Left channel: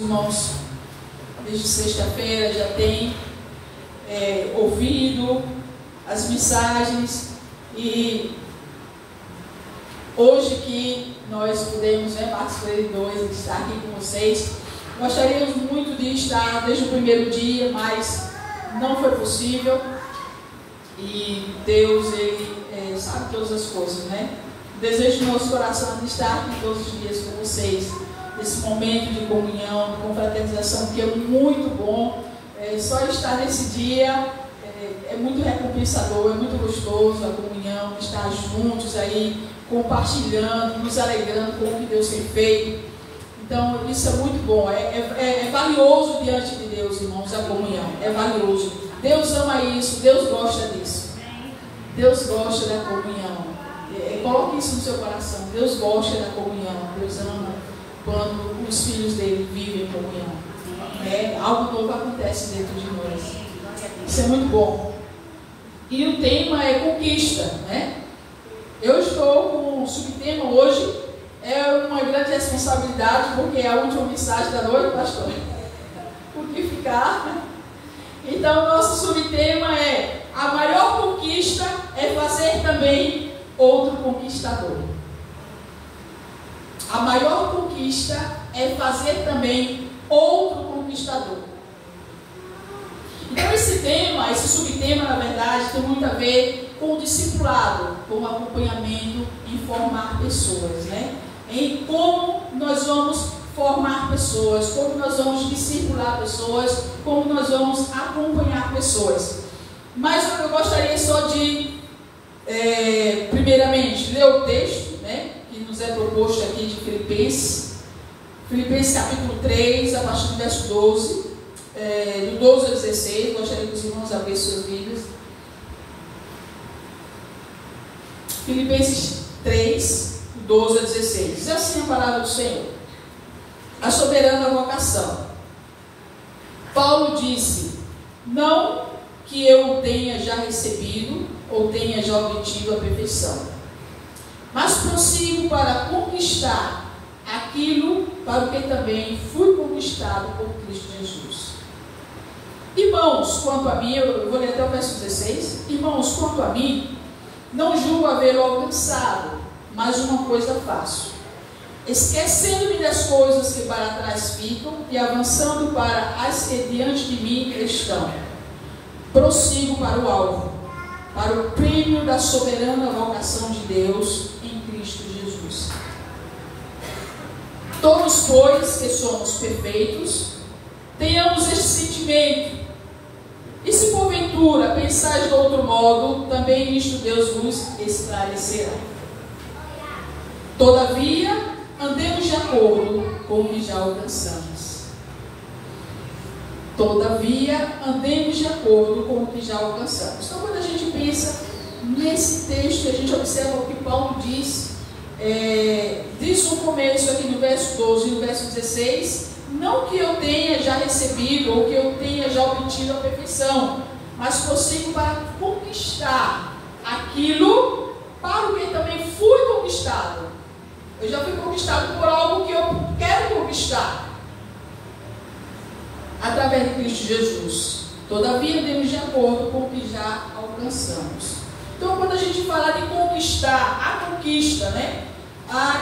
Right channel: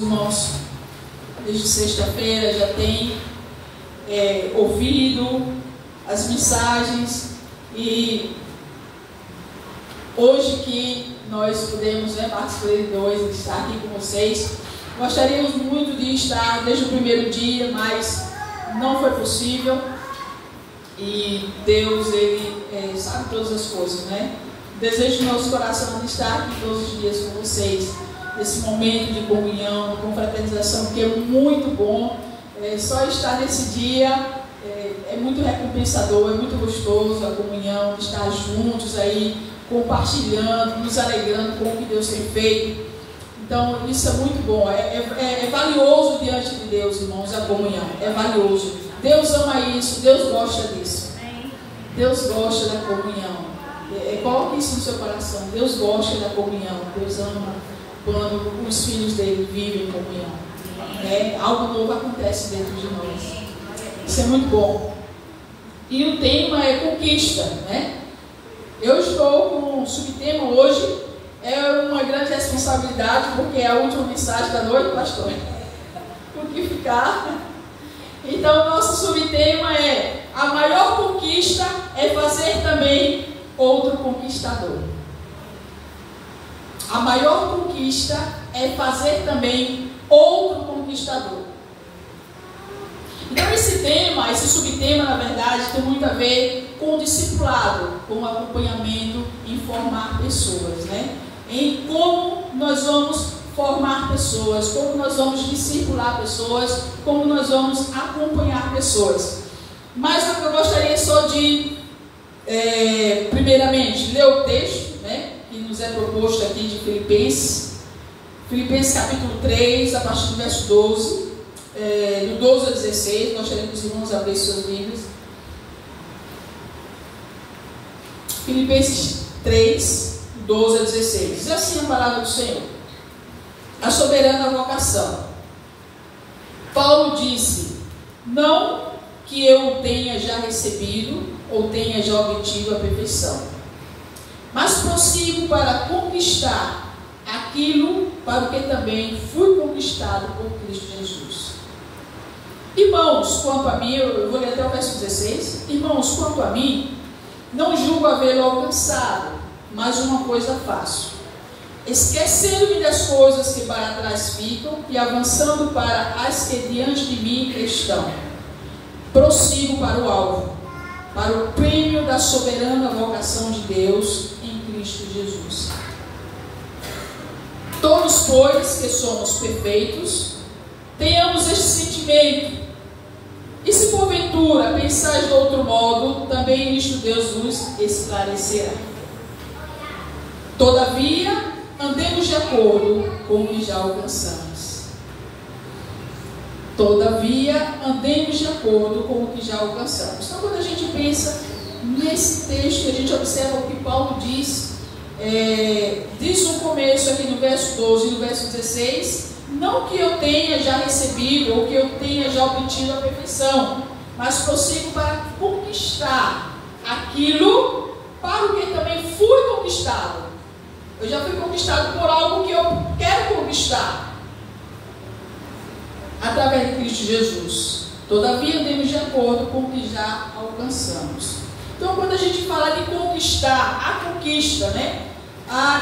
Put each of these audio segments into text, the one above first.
Irmãos, desde sexta-feira já tem ouvido as mensagens, e hoje que nós podemos participar de dois, estar aqui com vocês, gostaríamos muito de estar desde o primeiro dia, mas não foi possível, e Deus, Ele sabe todas as coisas, né? O desejo do nosso coração é de estar aqui todos os dias com vocês, esse momento de comunhão, de confraternização, que é muito bom. Só estar nesse dia é muito recompensador, é muito gostoso a comunhão, estar juntos aí, compartilhando, nos alegrando com o que Deus tem feito. Então isso é muito bom, é valioso diante de Deus, irmãos, a comunhão, é valioso. Deus ama isso, Deus gosta disso. Deus gosta da comunhão. Coloque isso no seu coração, Deus gosta da comunhão, Deus ama quando os filhos dele vivem em comunhão. Algo novo acontece dentro de nós. Isso é muito bom. E o tema é conquista, né? Eu estou com um subtema hoje, é uma grande responsabilidade, porque é a última mensagem da noite, pastor. O que ficar? Então, nosso subtema é: a maior conquista é fazer também outro conquistador. A maior conquista é fazer também outro conquistador. Então esse tema, esse subtema, na verdade, tem muito a ver com o discipulado, com o acompanhamento em formar pessoas, né? Em como nós vamos formar pessoas, como nós vamos discipular pessoas, como nós vamos acompanhar pessoas. Mas eu gostaria só de, primeiramente, ler o texto, né, que nos é proposto aqui de Filipenses capítulo 3, a partir do verso 12, do 12 ao 16, gostaria que os irmãos abrissem suas Bíblias. Filipenses 3, do 12 ao 16, diz assim a palavra do Senhor: a soberana vocação. Paulo disse: não que eu tenha já recebido ou tenha já obtido a perfeição, mas prossigo para conquistar aquilo para o que também fui conquistado por Cristo Jesus. Irmãos, quanto a mim, eu vou ler até o verso 16. Irmãos, quanto a mim, não julgo havê-lo alcançado, mas uma coisa faço, esquecendo-me das coisas que para trás ficam e avançando para as que diante de mim estão, prossigo para o alvo, para o prêmio da soberana vocação de Deus em Cristo Jesus. Todos, pois, que somos perfeitos, tenhamos este sentimento. E se porventura pensais de outro modo, também nisto Deus vos esclarecerá. Todavia, andemos de acordo com o que já alcançamos. Todavia, andemos de acordo com o que já alcançamos. Então, quando a gente pensa nesse texto, a gente observa o que Paulo diz. Diz no começo aqui no verso 12 e no verso 16: não que eu tenha já recebido ou que eu tenha já obtido a perfeição, mas prossigo para conquistar aquilo para o que também fui conquistado. Eu já fui conquistado por algo que eu quero conquistar através de Cristo Jesus. Todavia, andemos de acordo com o que já alcançamos. Então, quando a gente fala de conquistar, a conquista, né?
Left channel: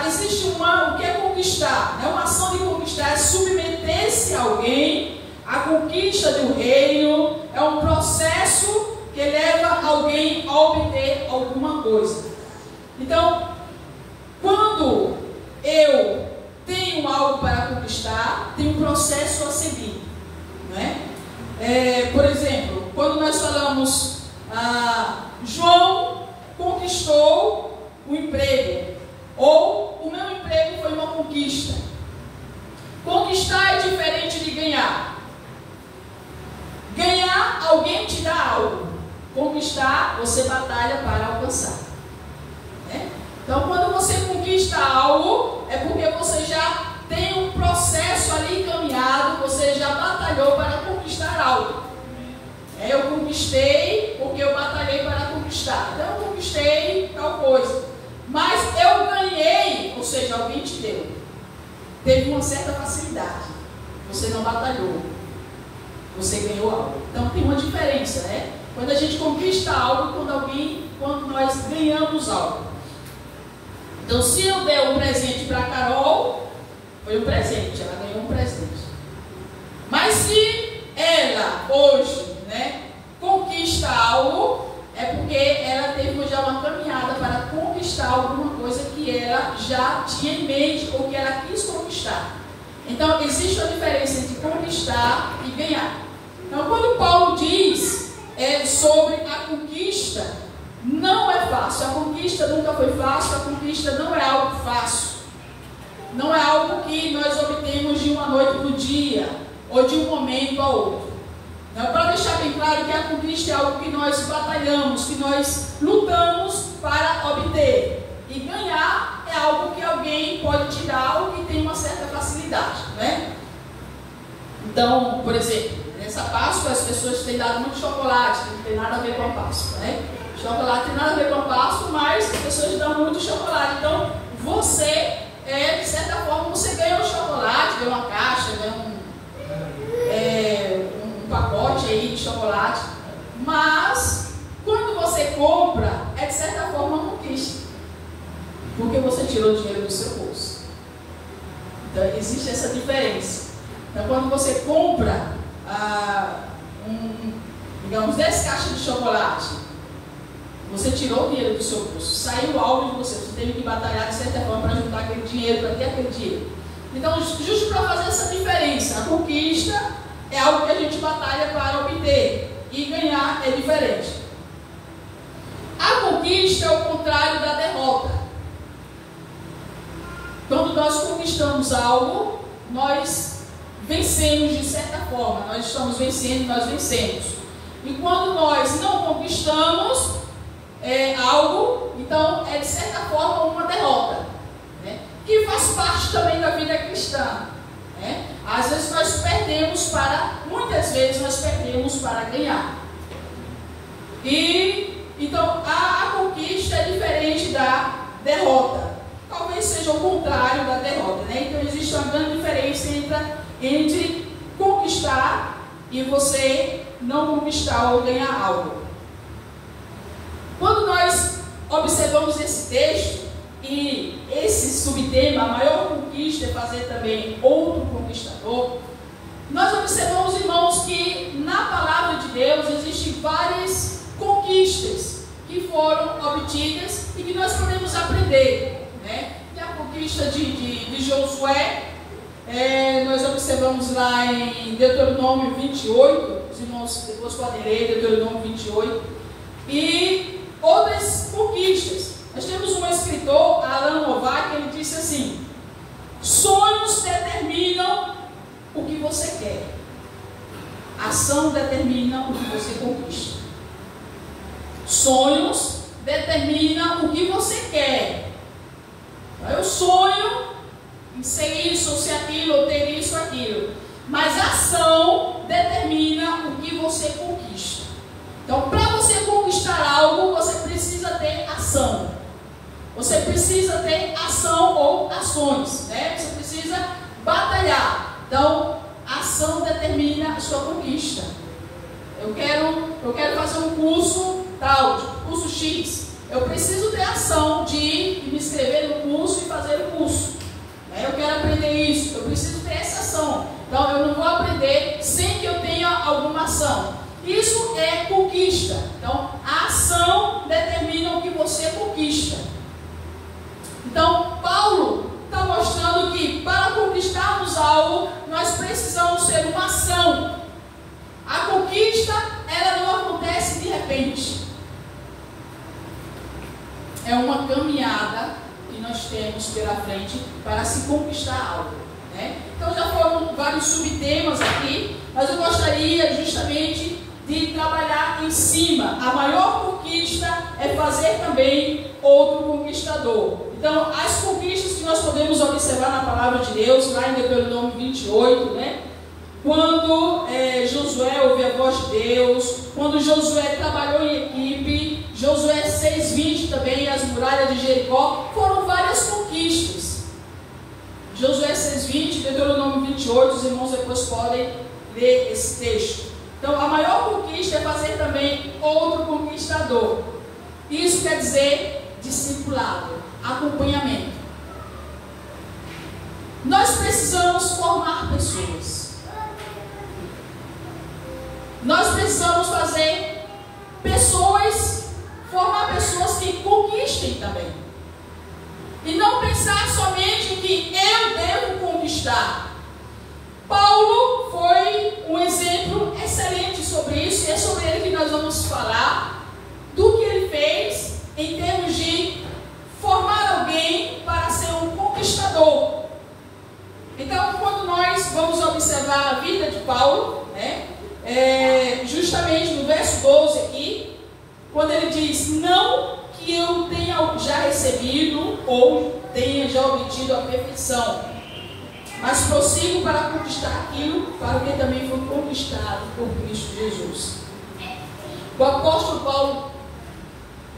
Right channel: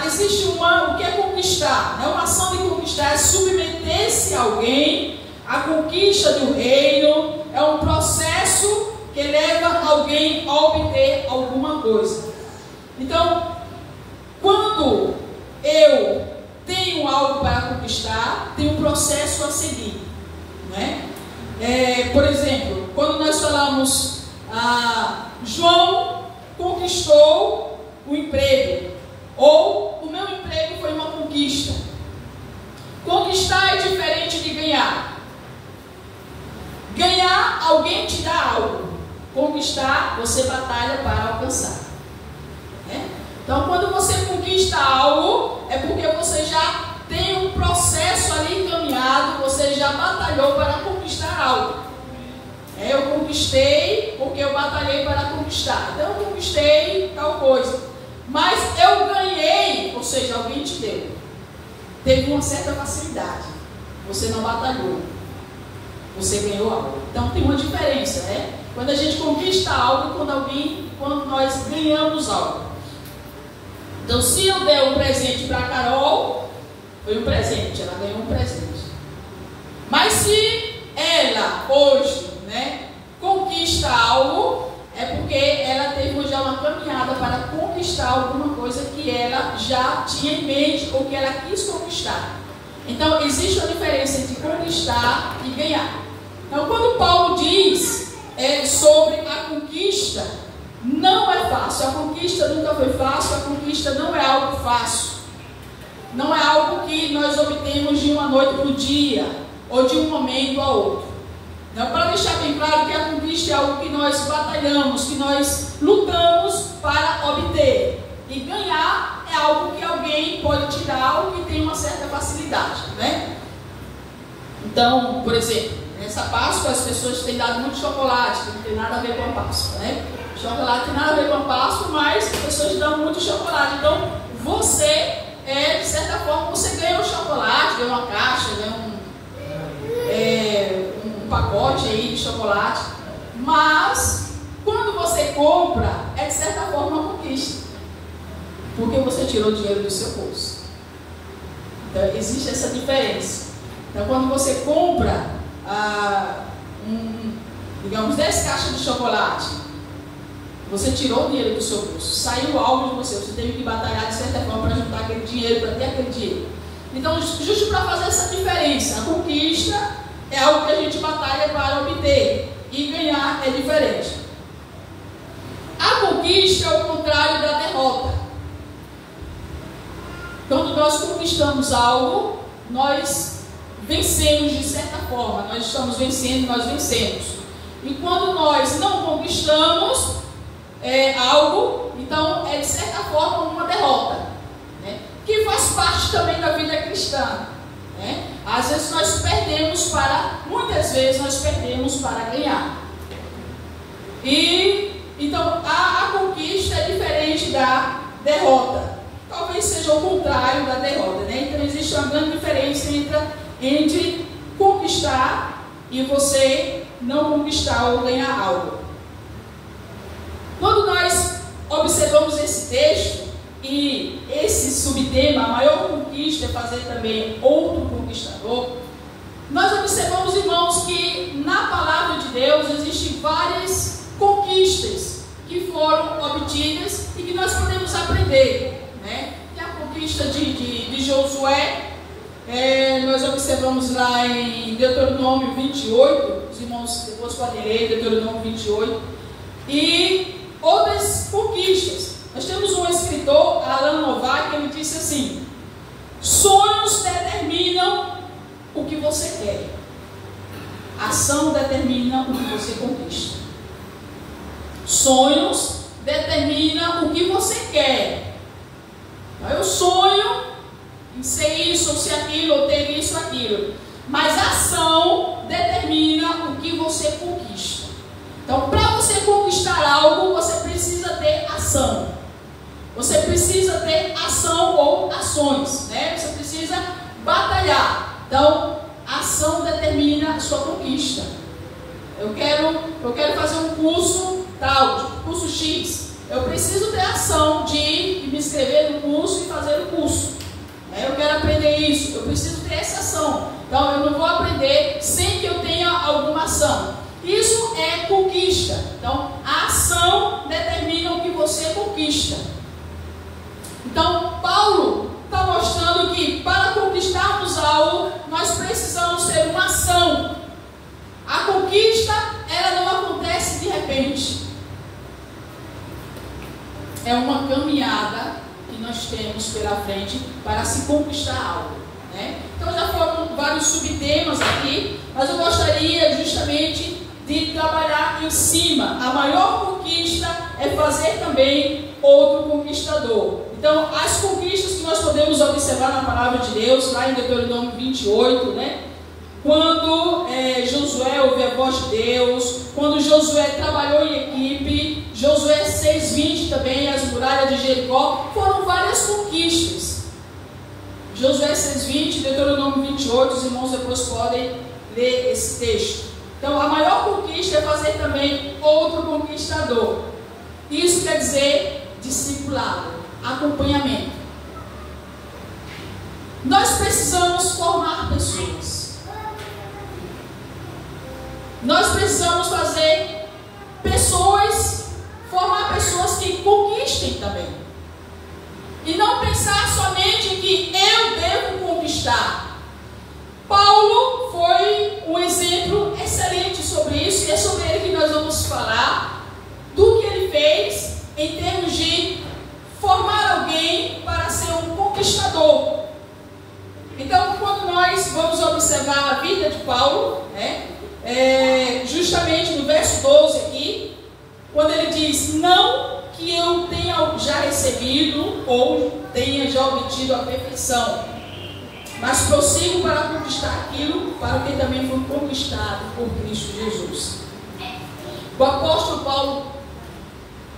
Existe o que é conquistar, né? Uma ação de conquistar é submeter-se a alguém, a conquista do reino, é um processo que leva alguém a obter alguma coisa. Então, quando eu tenho algo para conquistar, tem um processo a seguir, né? Por exemplo, quando nós falamos, João conquistou o emprego, ou o meu emprego foi uma conquista. Conquistar é diferente de ganhar. Ganhar, alguém te dá algo. Conquistar, você batalha para alcançar, né? Então, quando você conquista algo, é porque você já tem um processo ali encaminhado, você já batalhou para conquistar algo. Eu conquistei porque eu batalhei para conquistar. Então eu conquistei tal coisa, mas eu ganhei, ou seja, alguém te deu. Teve uma certa facilidade. você não batalhou, você ganhou algo. Então tem uma diferença, né? Quando a gente conquista algo, quando nós ganhamos algo. Então, se eu der um presente para a Carol, foi um presente, ela ganhou um presente. Mas se ela hoje, né, conquista algo, é porque ela teve já uma caminhada para conquistar alguma coisa que ela já tinha em mente ou que ela quis conquistar. Então, existe uma diferença entre conquistar e ganhar. Então, quando Paulo diz sobre a conquista, não é fácil. A conquista nunca foi fácil, a conquista não é algo fácil. Não é algo que nós obtemos de uma noite para o dia, ou de um momento a outro. Então, para deixar bem claro que a conquista é algo que nós batalhamos, que nós lutamos para obter. E ganhar é algo que alguém pode tirar, algo que tem uma certa facilidade, né? Então, por exemplo, nessa Páscoa as pessoas têm dado muito chocolate, que não tem nada a ver com a Páscoa, né? Chocolate tem nada a ver com a Páscoa, mas as pessoas dão muito chocolate. Então, você, de certa forma, você ganha um chocolate, ganha uma caixa, ganha um pacote aí de chocolate. Mas, quando você compra, é de certa forma uma conquista. Porque você tirou dinheiro do seu bolso. Então, existe essa diferença. Então, quando você compra, digamos, 10 caixas de chocolate, você tirou o dinheiro do seu bolso, saiu algo de você, você teve que batalhar de certa forma para juntar aquele dinheiro, para ter aquele dinheiro. Então, justo para fazer essa diferença, a conquista é algo que a gente batalha para obter, e ganhar é diferente. A conquista é o contrário da derrota. Quando nós conquistamos algo, nós vencemos de certa forma, nós estamos vencendo, nós vencemos. E quando nós não conquistamos algo, então é de certa forma uma derrota, né? Que faz parte também da vida cristã, né? Às vezes muitas vezes nós perdemos para ganhar. E então a conquista é diferente da derrota. Talvez seja o contrário da derrota, né? Então existe uma grande diferença entre conquistar e você não conquistar ou ganhar algo. Quando nós observamos esse texto e esse subtema, a maior conquista é fazer também outro conquistador, nós observamos, irmãos, que na palavra de Deus existem várias conquistas que foram obtidas e que nós podemos aprender, né? Que a conquista de Josué, nós observamos lá em Deuteronômio 28, os irmãos depois podem ler Deuteronômio 28, e outras conquistas. Nós temos um escritor, Alan Novak, ele disse assim: sonhos determinam o que você quer, ação determina o que você conquista. Sonhos determinam o que você quer. Eu sonho em ser isso, ou ser aquilo, ou ter isso, ou aquilo. Mas a ação determina o que você conquista. Então, para você conquistar algo, você precisa ter ação. Você precisa ter ação ou ações, né? Você precisa batalhar. Então, a ação determina a sua conquista. Eu quero fazer um curso tal, tipo curso X. Eu preciso ter ação de me inscrever no curso e fazer o curso. Eu quero aprender isso, eu preciso ter essa ação. Então, eu não vou aprender sem que eu tenha alguma ação. Isso é conquista. Então, a ação determina o que você conquista. Então, Paulo está mostrando que para conquistarmos algo, nós precisamos ter uma ação. A conquista, ela não acontece de repente. É uma caminhada que nós temos pela frente para se conquistar algo, né? Então já foram vários subtemas aqui, mas eu gostaria justamente de trabalhar em cima. A maior conquista é fazer também outro conquistador. Então, as conquistas que nós podemos observar na palavra de Deus, lá em Deuteronômio 28, né? Quando Josué ouviu a voz de Deus, quando Josué trabalhou em equipe, Josué 6:20 também, as muralhas de Jericó, foram várias conquistas. Josué 6:20, Deuteronômio 28, os irmãos depois podem ler esse texto. Então, a maior conquista é fazer também outro conquistador. Isso quer dizer discipulado, acompanhamento. Nós precisamos formar pessoas. Nós precisamos fazer pessoas, formar pessoas que conquistem também. E não pensar somente que eu devo conquistar. Paulo foi um exemplo excelente sobre isso, e é sobre ele que nós vamos falar, do que ele fez em termos de formar alguém para ser um conquistador. Então, quando nós vamos observar a vida de Paulo, justamente no verso 12 aqui, quando ele diz: não que eu tenha já recebido ou tenha já obtido a perfeição, mas prossigo para conquistar aquilo para o que também foi conquistado por Cristo Jesus. O apóstolo Paulo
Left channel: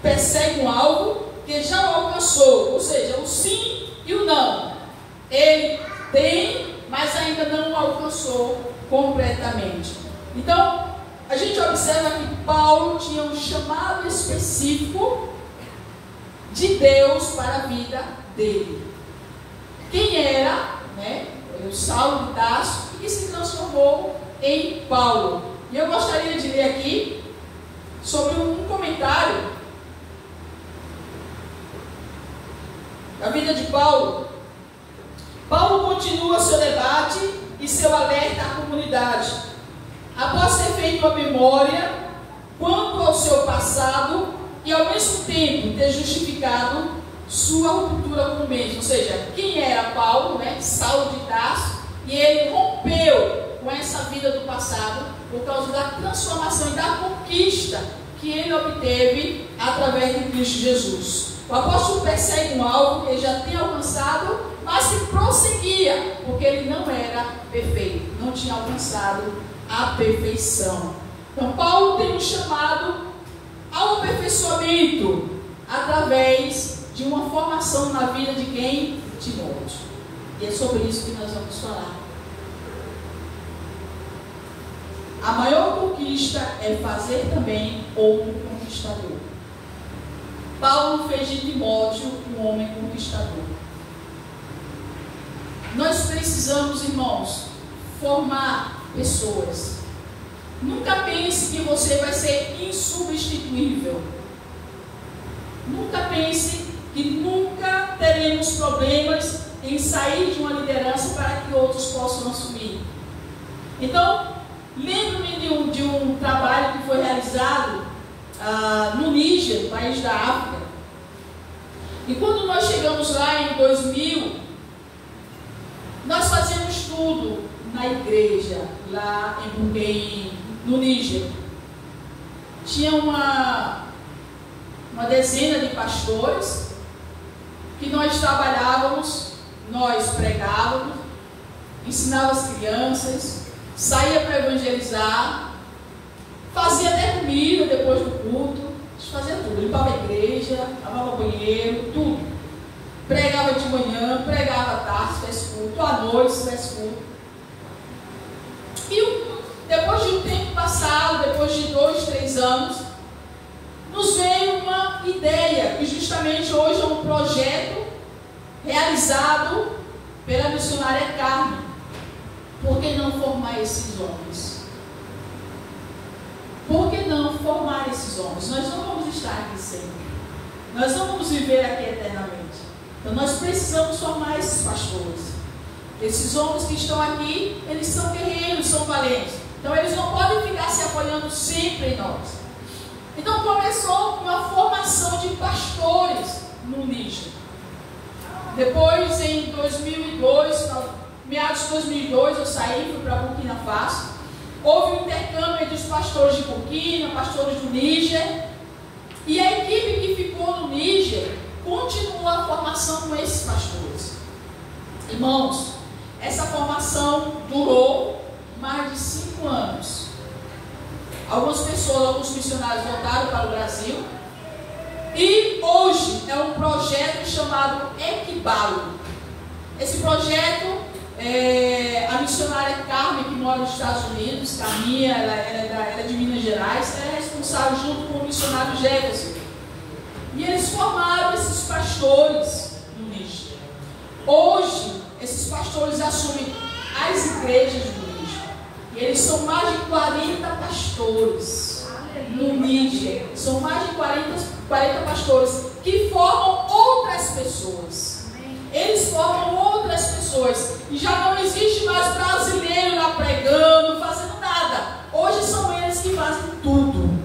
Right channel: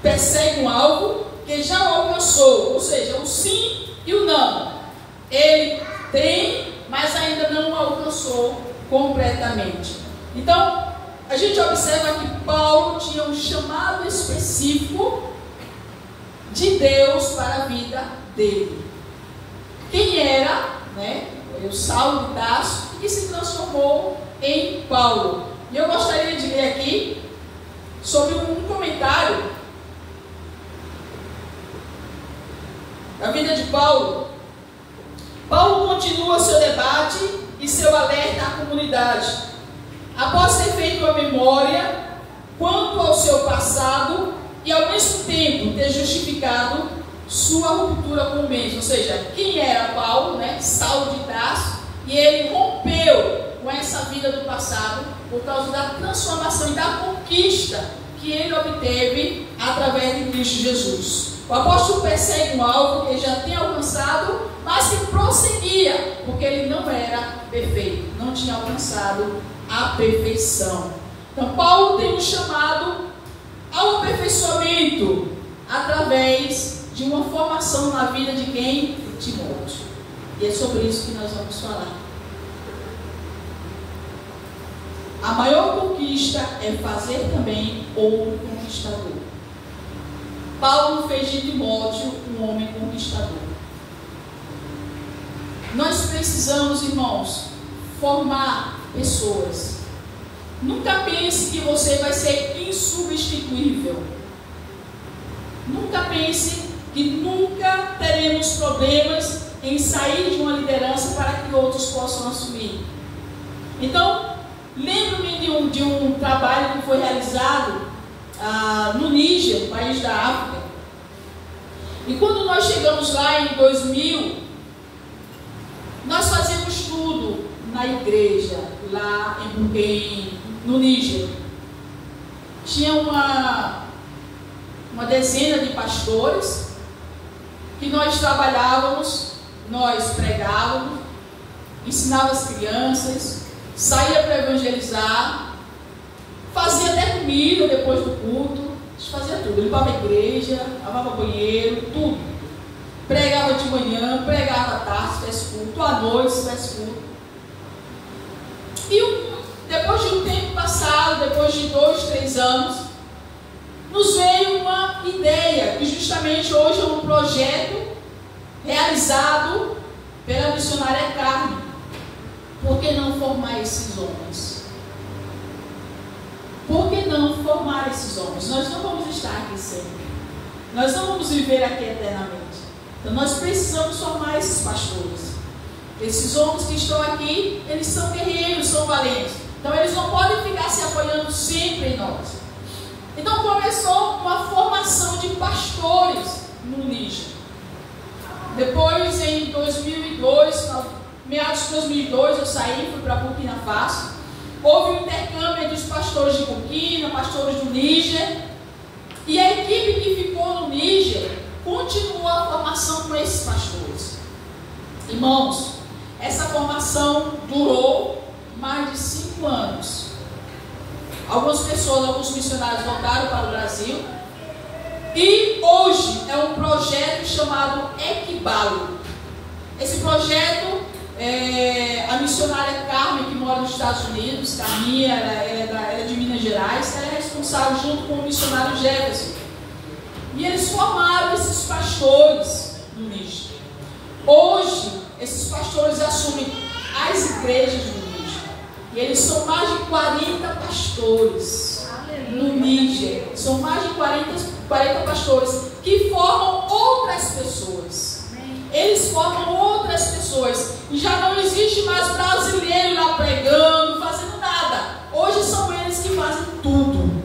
persegue um alvo que já alcançou, ou seja, o sim e o não. Ele tem, mas ainda não alcançou completamente. Então, a gente observa que Paulo tinha um chamado específico de Deus para a vida dele. Quem era, o Saulo de Tarso, que se transformou em Paulo. E eu gostaria de ler aqui sobre um comentário da vida de Paulo. Paulo continua seu debate e seu alerta à comunidade. Após ter feito a memória quanto ao seu passado e ao mesmo tempo ter justificado sua ruptura com o mesmo, ou seja, quem era Paulo, Saulo de Tarso, e ele rompeu com essa vida do passado por causa da transformação e da conquista que ele obteve através de Cristo Jesus. O apóstolo persegue um alvo que ele já tem alcançado, mas que prosseguia, porque ele não era perfeito, não tinha alcançado a perfeição. Então, Paulo tem um chamado ao aperfeiçoamento através de uma formação na vida de quem? De Timóteo. E é sobre isso que nós vamos falar. A maior conquista é fazer também outro conquistador. Paulo fez de Timóteo um homem conquistador. Nós precisamos, irmãos, formar pessoas. Nunca pense que você vai ser insubstituível. Nunca pense que nunca teremos problemas em sair de uma liderança para que outros possam assumir. Então, lembro-me de um trabalho que foi realizado no Níger, país da África. E quando nós chegamos lá em 2000, nós fazíamos tudo na igreja, lá no Níger. Tinha uma dezena de pastores que nós trabalhávamos, nós pregávamos, ensinava as crianças, saía para evangelizar, fazia até comida depois do culto, a gente fazia tudo, limpava a igreja, lavava banheiro, tudo. Pregava de manhã, pregava à tarde, se tivesse culto, à noite, se tivesse culto. E depois de um tempo passado, depois de 2, 3 anos, nos veio uma ideia, que justamente hoje é um projeto realizado pela missionária Carmen. Por que não formar esses homens? Por que não formar esses homens? Nós não vamos estar aqui sempre. Nós não vamos viver aqui eternamente. Então nós precisamos formar esses pastores. Esses homens que estão aqui, eles são guerreiros, são valentes. Então eles não podem ficar se apoiando sempre em nós. Então começou uma formação de pastores no Níger. Depois, em 2002, meados de 2002, eu saí, fui para Burkina Faso. Houve um intercâmbio entre os pastores de Burkina, pastores do Níger. E a equipe que ficou no Níger continuou a formação com esses pastores. Irmãos, essa formação durou mais de 5 anos. Algumas pessoas, alguns missionários voltaram para o Brasil. E hoje é um projeto chamado Equibalo. Esse projeto, a missionária Carmen, que mora nos Estados Unidos, Carminha, ela é de Minas Gerais, ela é responsável junto com o missionário Jefferson. E eles formaram esses pastores no Níger. Hoje, esses pastores assumem as igrejas do Níger. E eles são mais de 40 pastores no Níger. São mais de 40 pastores que formam outras pessoas. Eles formam outras pessoas. E já não existe mais brasileiro lá pregando, fazendo nada. Hoje são eles que fazem tudo.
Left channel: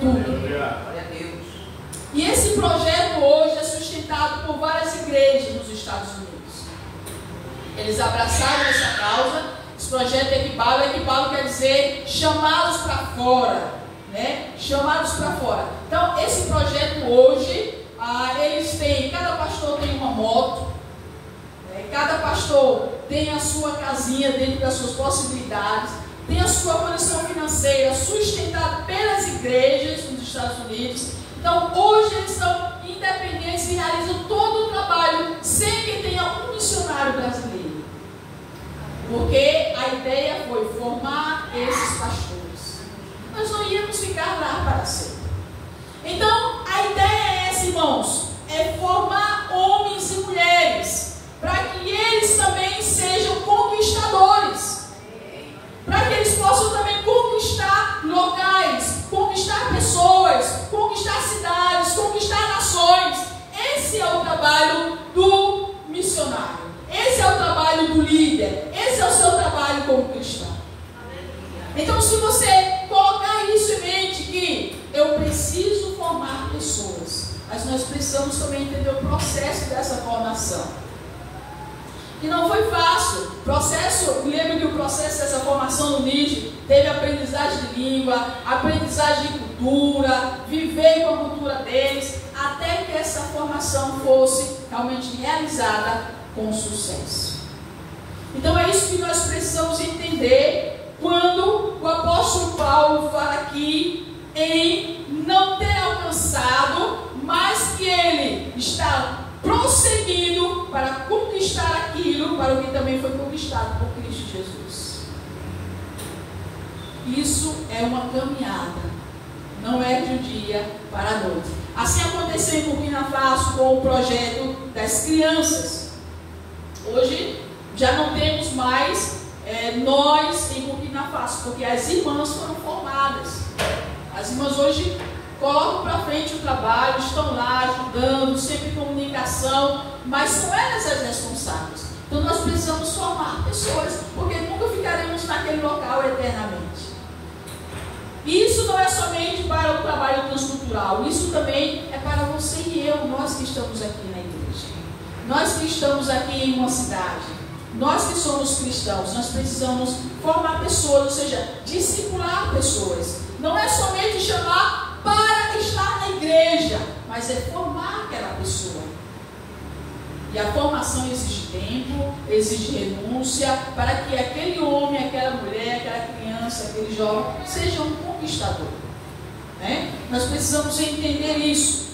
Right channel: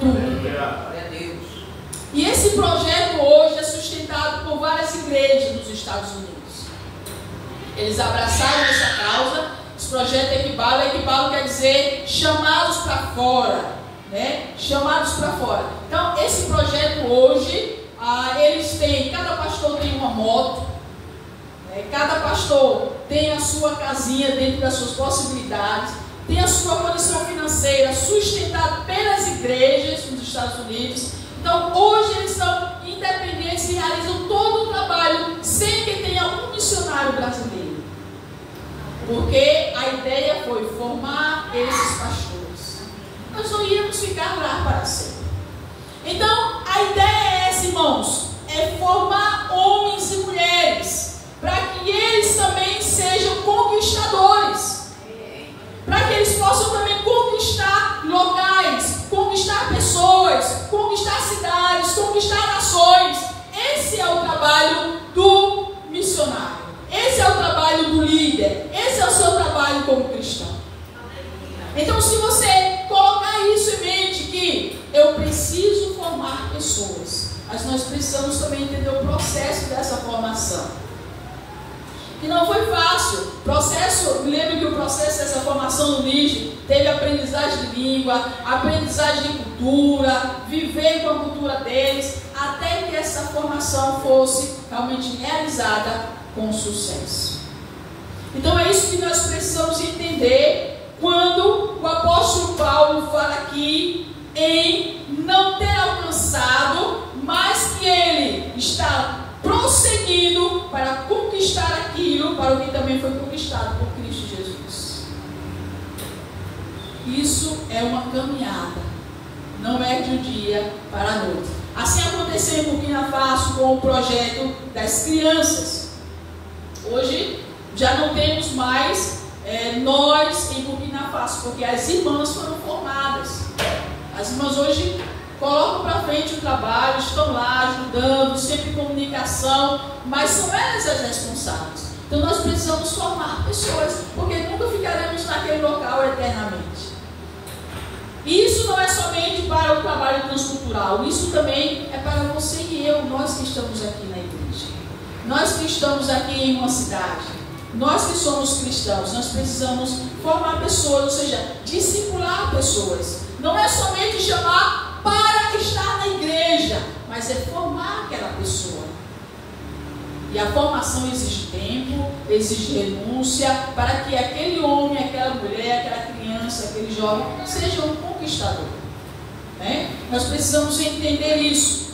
Tudo. E esse projeto hoje é sustentado por várias igrejas nos Estados Unidos. Eles abraçaram essa causa. Esse projeto Equipalo quer dizer chamados para fora, né? Chamados para fora. Então, esse projeto hoje, eles têm, cada pastor tem uma moto, né? Cada pastor tem a sua casinha dentro das suas possibilidades, tem a sua condição financeira sustentada pelas igrejas nos Estados Unidos. Então, hoje eles são independentes e realizam todo o trabalho sem que tenha um missionário brasileiro. Porque a ideia foi formar esses pastores. Nós não íamos ficar lá para sempre. Então, a ideia é essa, irmãos, é formar homens e mulheres, para que eles também sejam conquistadores, para que eles possam também conquistar locais, conquistar pessoas, conquistar cidades, conquistar nações. Esse é o trabalho do missionário, esse é o trabalho do líder, esse é o seu trabalho como cristão. Então, se você colocar isso em mente, que eu preciso formar pessoas, mas nós precisamos também entender o processo dessa formação, que não foi fácil. Lembra que o processo dessa formação no Níger teve aprendizagem de língua, aprendizagem de cultura, viver com a cultura deles, até que essa formação fosse realmente realizada com sucesso. Então é isso que nós precisamos entender quando o apóstolo Paulo fala aqui em não ter alcançado, mas que ele está prosseguindo para conquistar aquilo para o que também foi conquistado por Cristo Jesus. Isso é uma caminhada, não é de um dia para a noite. Assim aconteceu em Burkina Faso com o projeto das crianças. Hoje já não temos mais nós em Burkina Faso, porque as irmãs foram formadas. As irmãs hoje colocam para frente o trabalho, estão lá ajudando, sempre em comunicação, mas são elas as responsáveis. Então nós precisamos formar pessoas, porque nunca ficaremos naquele local eternamente. E isso não é somente para o trabalho transcultural, isso também é para você e eu, nós que estamos aqui na igreja, nós que estamos aqui em uma cidade, nós que somos cristãos, nós precisamos formar pessoas, ou seja, discipular pessoas. Não é somente chamar para estar na igreja, mas é formar aquela pessoa. E a formação exige tempo, exige renúncia, para que aquele homem, aquela mulher, aquela criança, aquele jovem, seja um conquistador, né? Nós precisamos entender isso.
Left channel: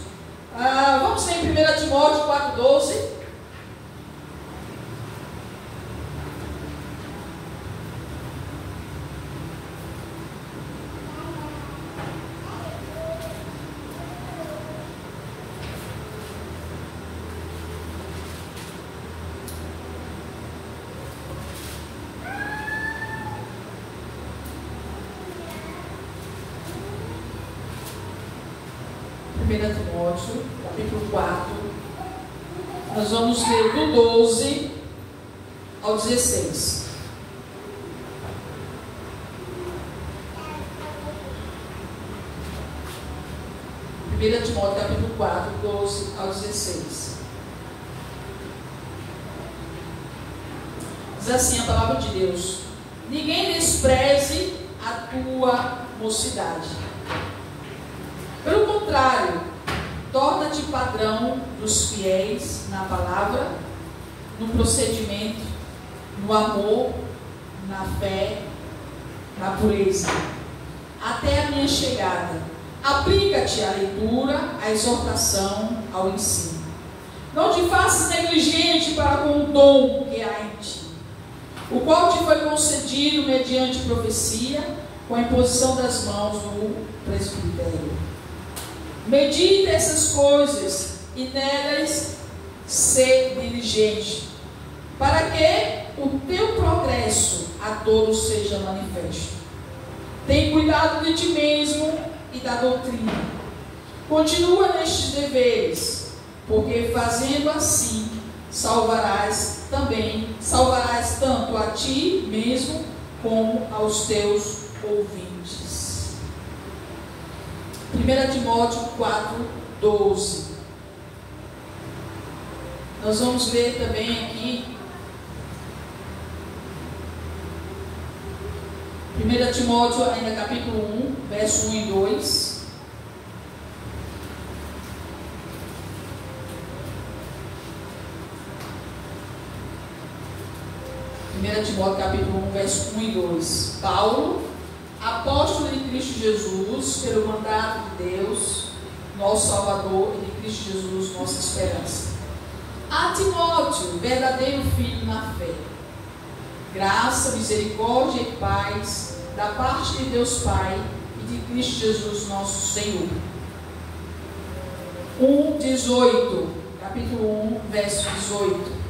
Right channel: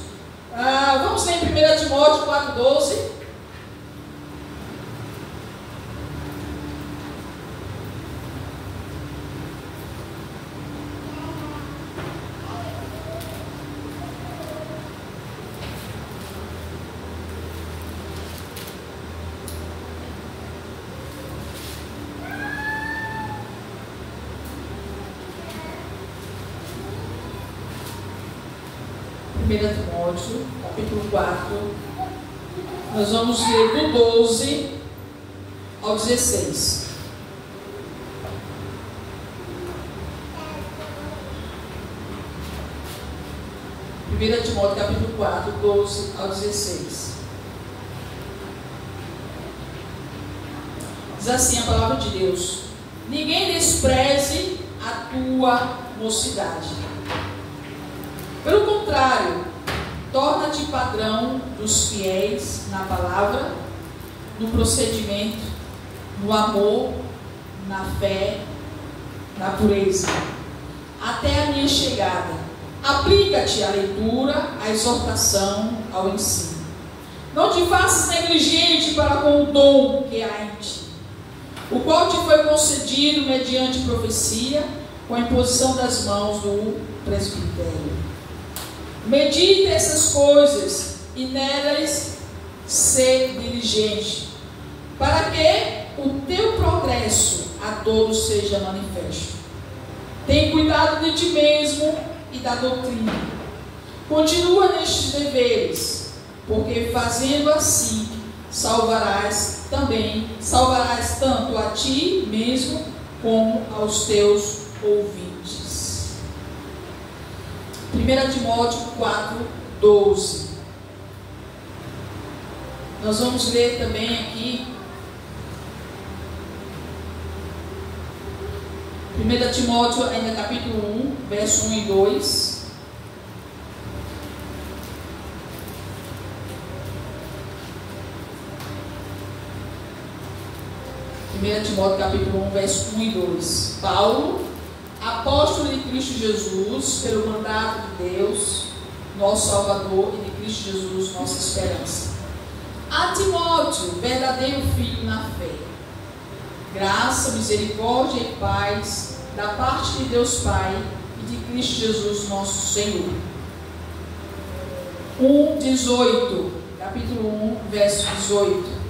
Vamos ler em 1 Timóteo 4,12. Timóteo, capítulo 4, nós vamos ler do 12 ao 16. Timóteo, capítulo 4, 12 ao 16. Diz assim a palavra de Deus: ninguém despreze a tua mocidade. Pelo contrário, torna-te padrão dos fiéis na palavra, no procedimento, no amor, na fé, na pureza. Até a minha chegada, aplica-te à leitura, à exortação, ao ensino. Não te faças negligente para com o dom que há em ti, o qual te foi concedido mediante profecia, com a imposição das mãos do presbitério. Medita essas coisas e nelas ser diligente, para que o teu progresso a todos seja manifesto. Tem cuidado de ti mesmo e da doutrina. Continua nestes deveres, porque fazendo assim salvarás tanto a ti mesmo como aos teus ouvintes. 1 Timóteo 4:12. Nós vamos ler também aqui 1 Timóteo, ainda capítulo 1, verso 1 e 2. Timóteo capítulo 1, verso 1 e 2. Paulo, apóstolo de Cristo Jesus, pelo mandato de Deus, nosso Salvador, e de Cristo Jesus, nossa esperança. A Timóteo, verdadeiro filho na fé, graça, misericórdia e paz da parte de Deus Pai e de Cristo Jesus, nosso Senhor. 1:18, capítulo 1, verso 18.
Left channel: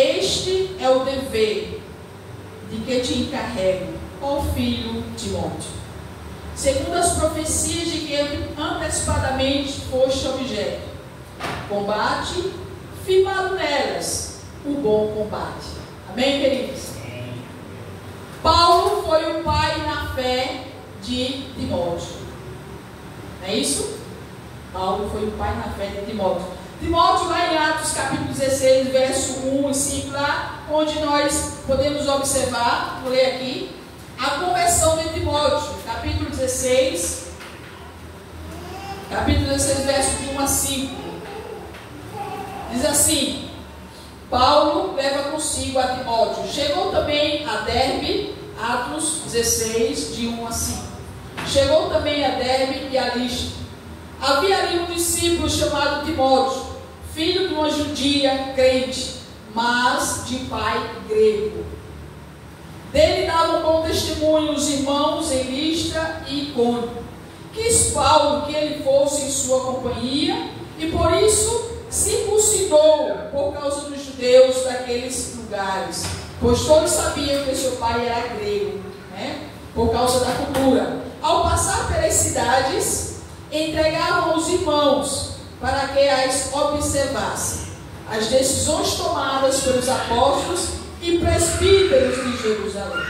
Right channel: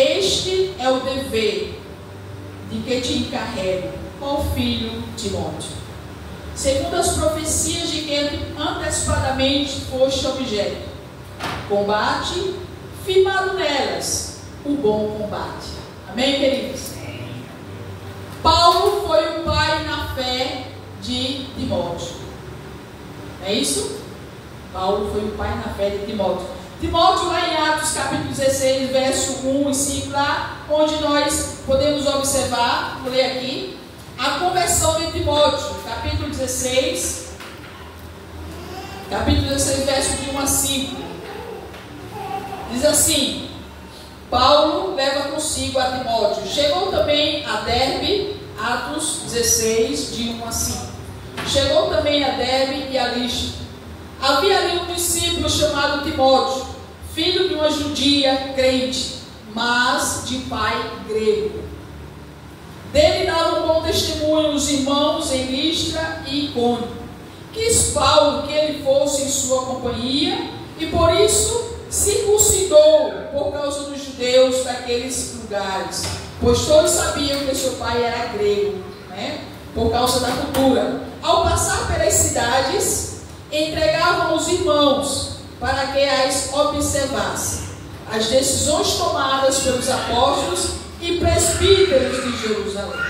Este é o dever de que te encarrego, ó filho Timóteo, segundo as profecias de que antecipadamente foste objeto. Combate, firmado nelas, o bom combate. Amém, queridos? Paulo foi o pai na fé de Timóteo. Não é isso? Paulo foi o pai na fé de Timóteo. Timóteo, lá em Atos capítulo 16, verso 1 e 5, lá onde nós podemos observar, vou ler aqui, a conversão de Timóteo, capítulo 16, verso de 1 a 5. Diz assim: Paulo leva consigo a Timóteo. Chegou também a Derbe, Atos 16, de 1 a 5. Chegou também a Derbe e a Listra. Havia ali um discípulo chamado Timóteo, filho de uma judia crente, mas de pai grego. Dele davam bom testemunho os irmãos em Listra e Icônio. Quis Paulo que ele fosse em sua companhia, e por isso circuncidou por causa dos judeus daqueles lugares, pois todos sabiam que seu pai era grego, né? Por causa da cultura. Ao passar pelas cidades, entregavam os irmãos para que as observassem, as decisões tomadas pelos apóstolos e presbíteros de Jerusalém.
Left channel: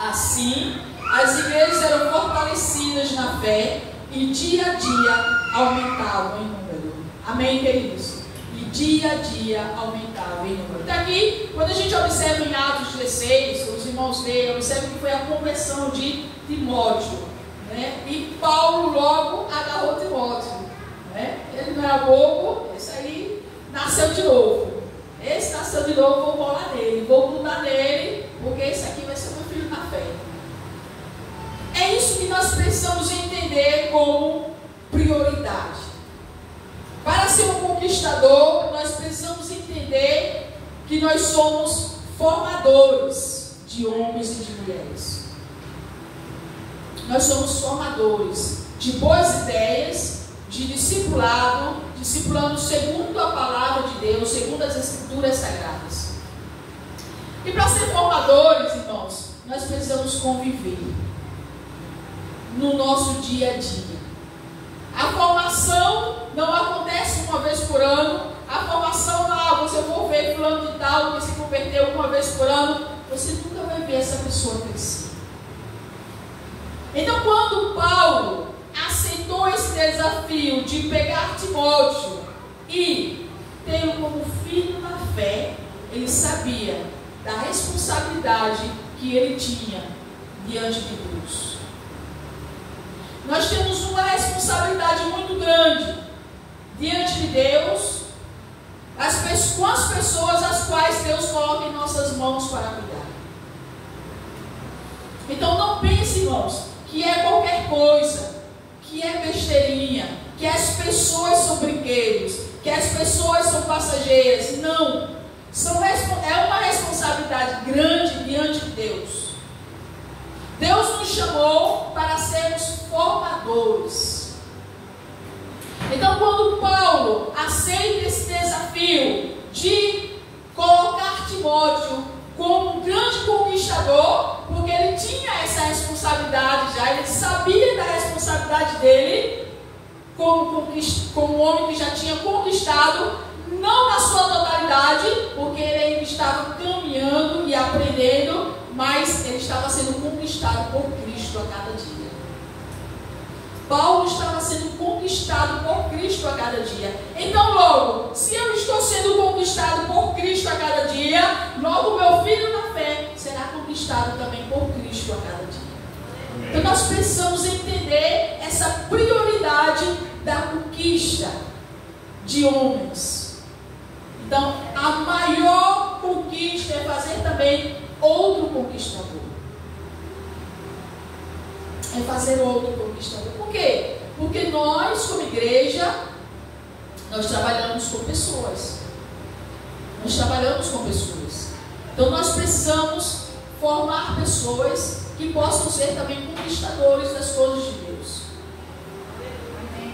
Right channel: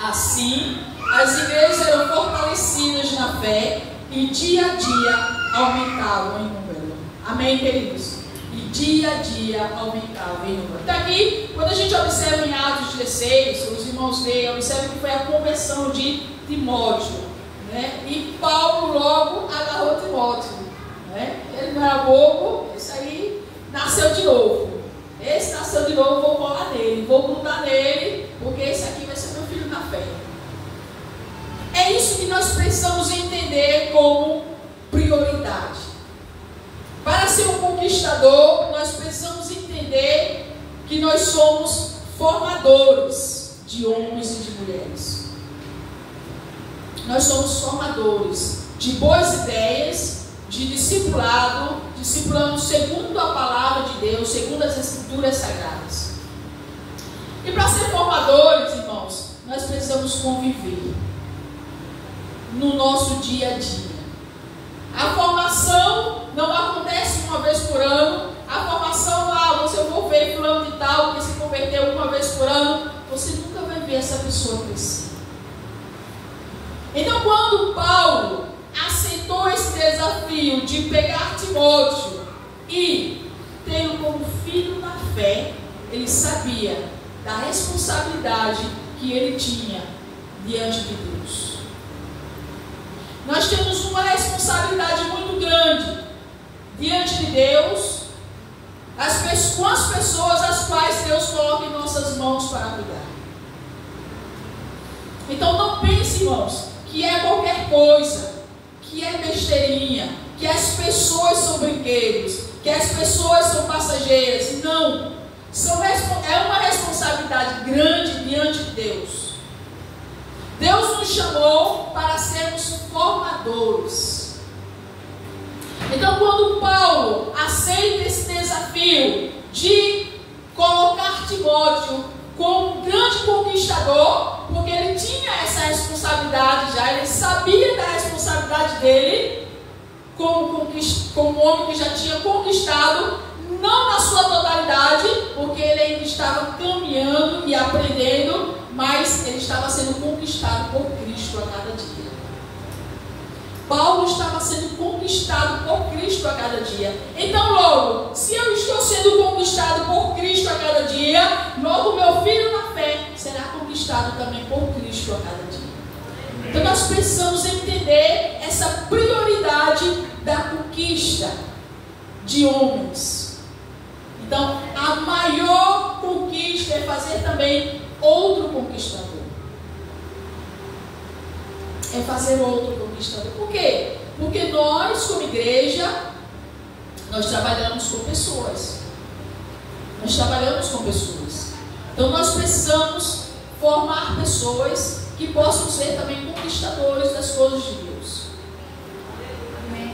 Assim, as igrejas eram fortalecidas na fé e dia a dia aumentavam em número. Amém, queridos? E dia a dia aumentavam em número. Então aqui, quando a gente observa em Atos 16, os irmãos leem, observam que foi a conversão de Timóteo, né? E Paulo logo agarrou Timóteo, né? Ele não era bobo, esse aí nasceu de novo. Esse nasceu de novo, vou colar nele, vou grudar nele, porque esse aqui vai ser meu filho na fé. É isso que nós precisamos entender como prioridade. Para ser um conquistador, nós precisamos entender que nós somos formadores de homens e de mulheres. Nós somos formadores de boas ideias, de discipulado, discipulando segundo a palavra de Deus, segundo as Escrituras Sagradas. E para ser formadores, irmãos, nós precisamos conviver no nosso dia a dia. A formação não acontece uma vez por ano. A formação, você for ver fulano de tal que se converteu uma vez por ano, você nunca vai ver essa pessoa crescer. Então, quando Paulo aceitou esse desafio de pegar Timóteo e tê-lo como filho na fé, ele sabia da responsabilidade que ele tinha diante de Deus. Nós temos uma responsabilidade muito grande diante de Deus, as com as pessoas as quais Deus coloca em nossas mãos para cuidar. Então não pense, irmãos, que é qualquer coisa, que é besteirinha, que as pessoas são brinquedos, que as pessoas são passageiras. Não. É uma responsabilidade grande diante de Deus. Deus nos chamou para sermos formadores. Então, quando Paulo aceita esse desafio de colocar Timóteo como um grande conquistador, porque ele tinha essa responsabilidade já, ele sabia da responsabilidade dele, como um homem que já tinha conquistado, não na sua totalidade, porque ele ainda estava caminhando e aprendendo, mas ele estava sendo conquistado por Cristo a cada dia. Paulo estava sendo conquistado por Cristo a cada dia. Então, logo, se eu estou sendo conquistado por Cristo a cada dia, logo meu filho na fé será conquistado também por Cristo a cada dia. Então, nós precisamos entender essa prioridade da conquista de homens. Então, a maior conquista é fazer também outro conquistador. É fazer outro conquistador. Por quê? Porque nós, como igreja, nós trabalhamos com pessoas. Nós trabalhamos com pessoas. Então nós precisamos formar pessoas que possam ser também conquistadores das coisas de Deus.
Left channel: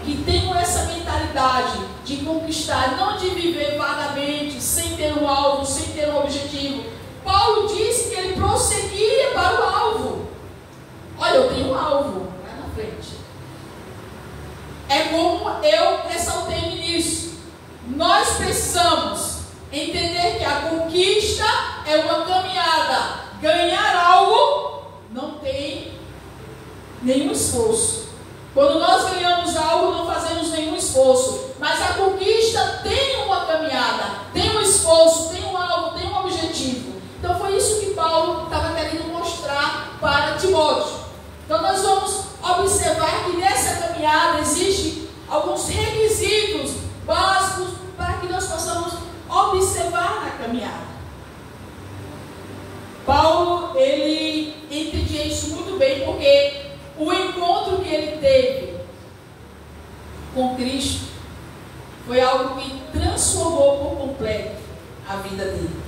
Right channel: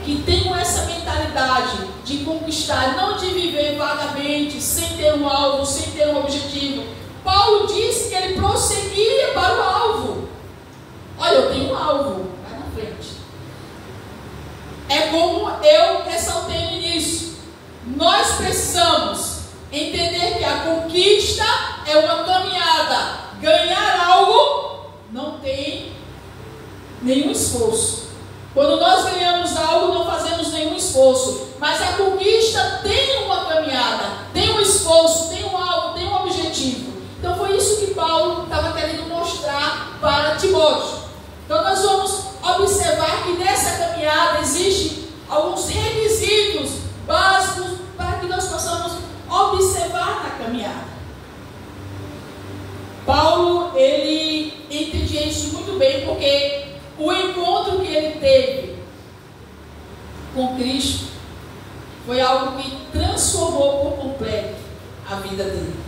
Que tenham essa mentalidade de conquistar, não de viver vagamente, sem ter um alvo, sem ter um objetivo. Paulo disse que ele prosseguia para o alvo. Olha, eu tenho um alvo, vai na frente. É como eu ressaltei no início. Nós precisamos entender que a conquista é uma caminhada. Ganhar algo não tem nenhum esforço. Quando nós ganhamos algo, não fazemos nenhum esforço. Mas a conquista tem uma caminhada, tem um esforço, tem um alvo, tem um objetivo. Então foi isso que Paulo estava querendo mostrar para Timóteo. Então nós vamos observar que nessa caminhada existem alguns requisitos básicos para que nós possamos observar na caminhada. Paulo, ele entendia isso muito bem, porque o encontro que ele teve com Cristo foi algo que transformou por completo a vida dele.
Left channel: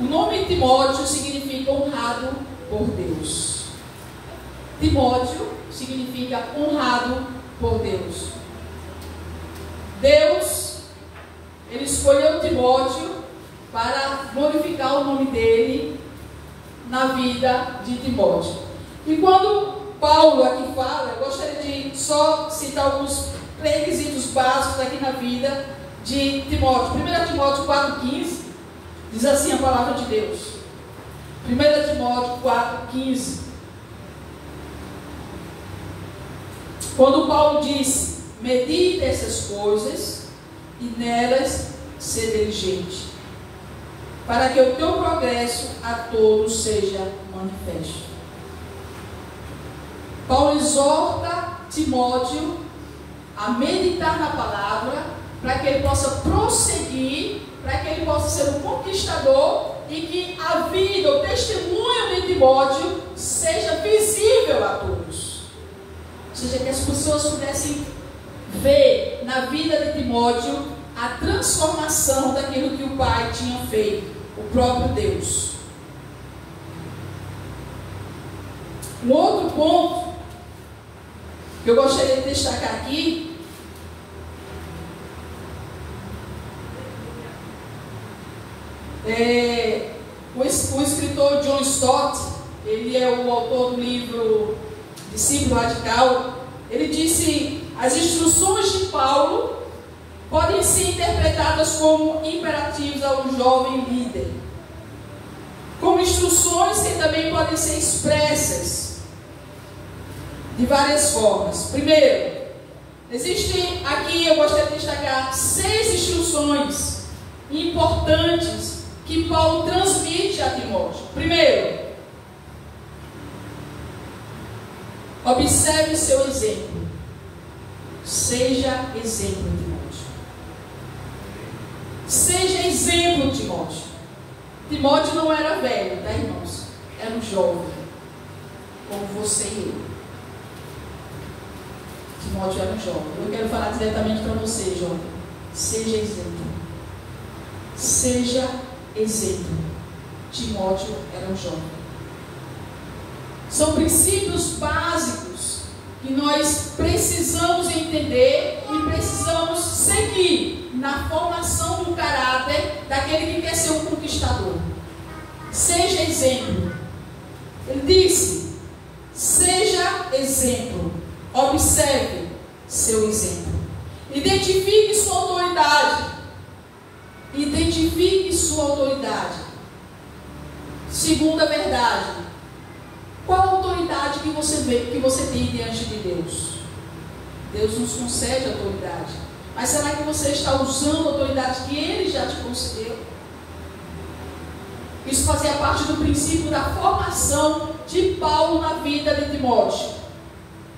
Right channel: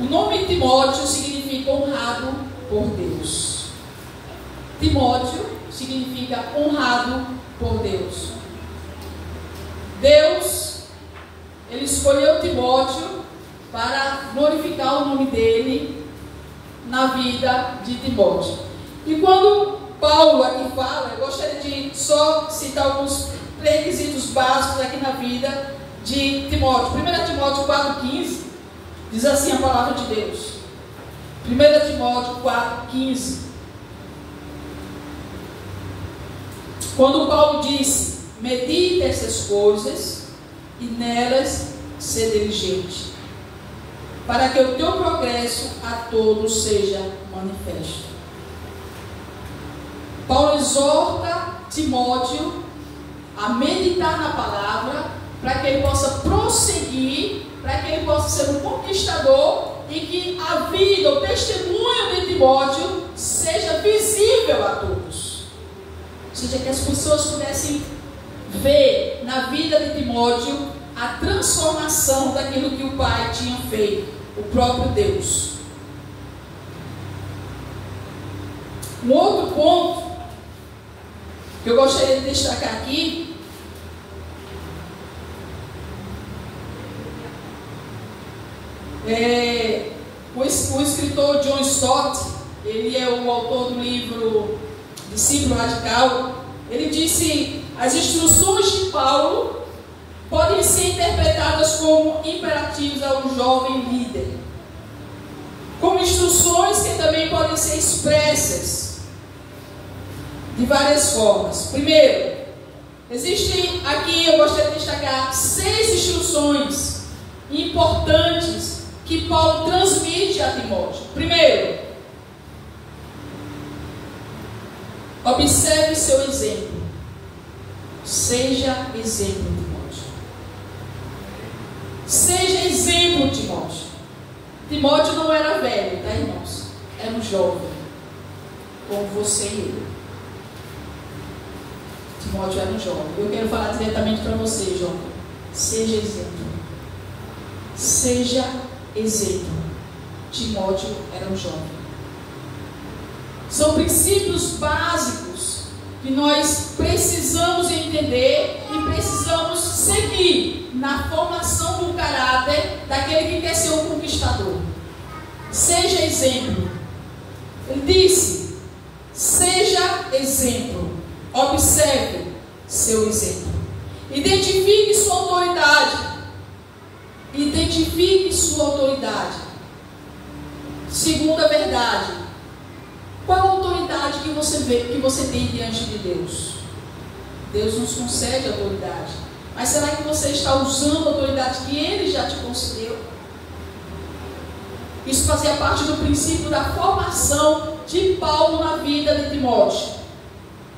O nome Timóteo significa honrado por Deus. Timóteo significa honrado por Deus. Deus, ele escolheu Timóteo para glorificar o nome dele na vida de Timóteo. E quando Paulo aqui fala, eu gostaria de só citar alguns requisitos básicos aqui na vida de Timóteo. 1 Timóteo 4,15 diz assim a palavra de Deus. 1 Timóteo 4,15. Quando Paulo disse: medite essas coisas e nelas ser diligente, para que o teu progresso a todos seja manifesto. Paulo exorta Timóteo a meditar na palavra, para que ele possa prosseguir, para que ele possa ser um conquistador e que a vida, o testemunho de Timóteo seja visível a todos. Ou seja, que as pessoas pudessem ver na vida de Timóteo a transformação daquilo que o pai tinha feito, o próprio Deus. Um outro ponto que eu gostaria de destacar aqui o escritor John Stott, ele é o autor do livro Discípulo Radical. Ele disse: as instruções de Paulo podem ser interpretadas como imperativos ao jovem líder, como instruções que também podem ser expressas de várias formas. Primeiro, existem aqui, eu gostaria de destacar 6 instruções importantes que Paulo transmite a Timóteo. Primeiro, observe seu exemplo. Seja exemplo, Timóteo. Seja exemplo, Timóteo. Timóteo não era velho, tá, irmãos? Era um jovem, como você e eu. Timóteo era um jovem. Eu quero falar diretamente para você, jovem. Seja exemplo. Seja exemplo. Timóteo era um jovem. São princípios básicos que nós precisamos entender e precisamos seguir na formação do caráter daquele que quer ser um conquistador. Seja exemplo. Ele disse: seja exemplo. Observe seu exemplo. Identifique sua autoridade. Identifique sua autoridade. Segunda verdade. Qual a autoridade que você vê, que você tem diante de Deus? Deus nos concede autoridade. Mas será que você está usando a autoridade que Ele já te concedeu? Isso fazia parte do princípio da formação de Paulo na vida de Timóteo.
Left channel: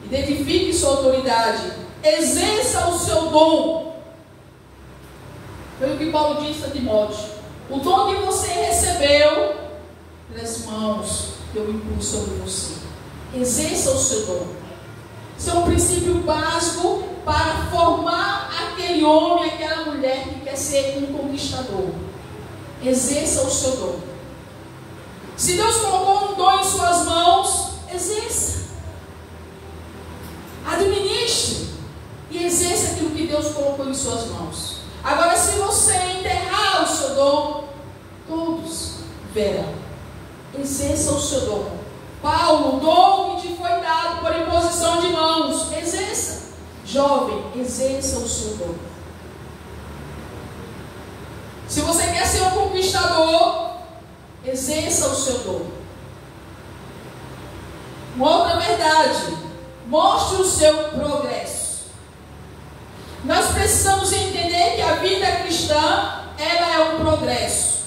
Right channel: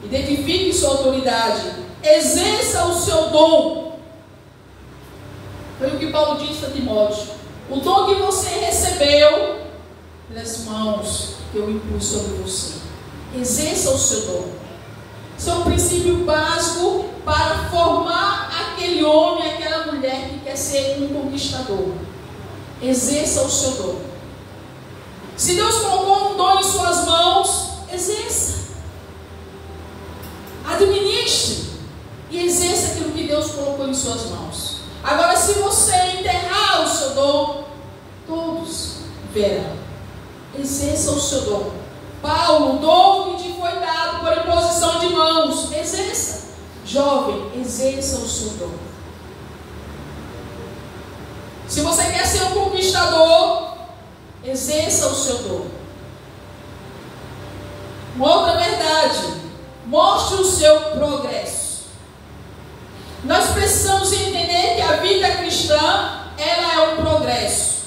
Identifique sua autoridade. Exerça o seu dom. Foi o que Paulo disse a Timóteo. O dom que você recebeu das mãos que eu impus sobre você. Exerça o seu dom. Isso é um princípio básico para formar aquele homem, aquela mulher que quer ser um conquistador. Exerça o seu dom. Se Deus colocou um dom em suas mãos, exerça. Administre e exerça aquilo que Deus colocou em suas mãos. Agora, se você enterrar o seu dom, todos verão. Exerça o seu dom. Paulo, o dom que te foi dado por imposição de mãos, exerça. Jovem, exerça o seu dom. Se você quer ser um conquistador, exerça o seu dom. Uma outra verdade: mostre o seu progresso. Nós precisamos entender que a vida cristã, ela é um progresso.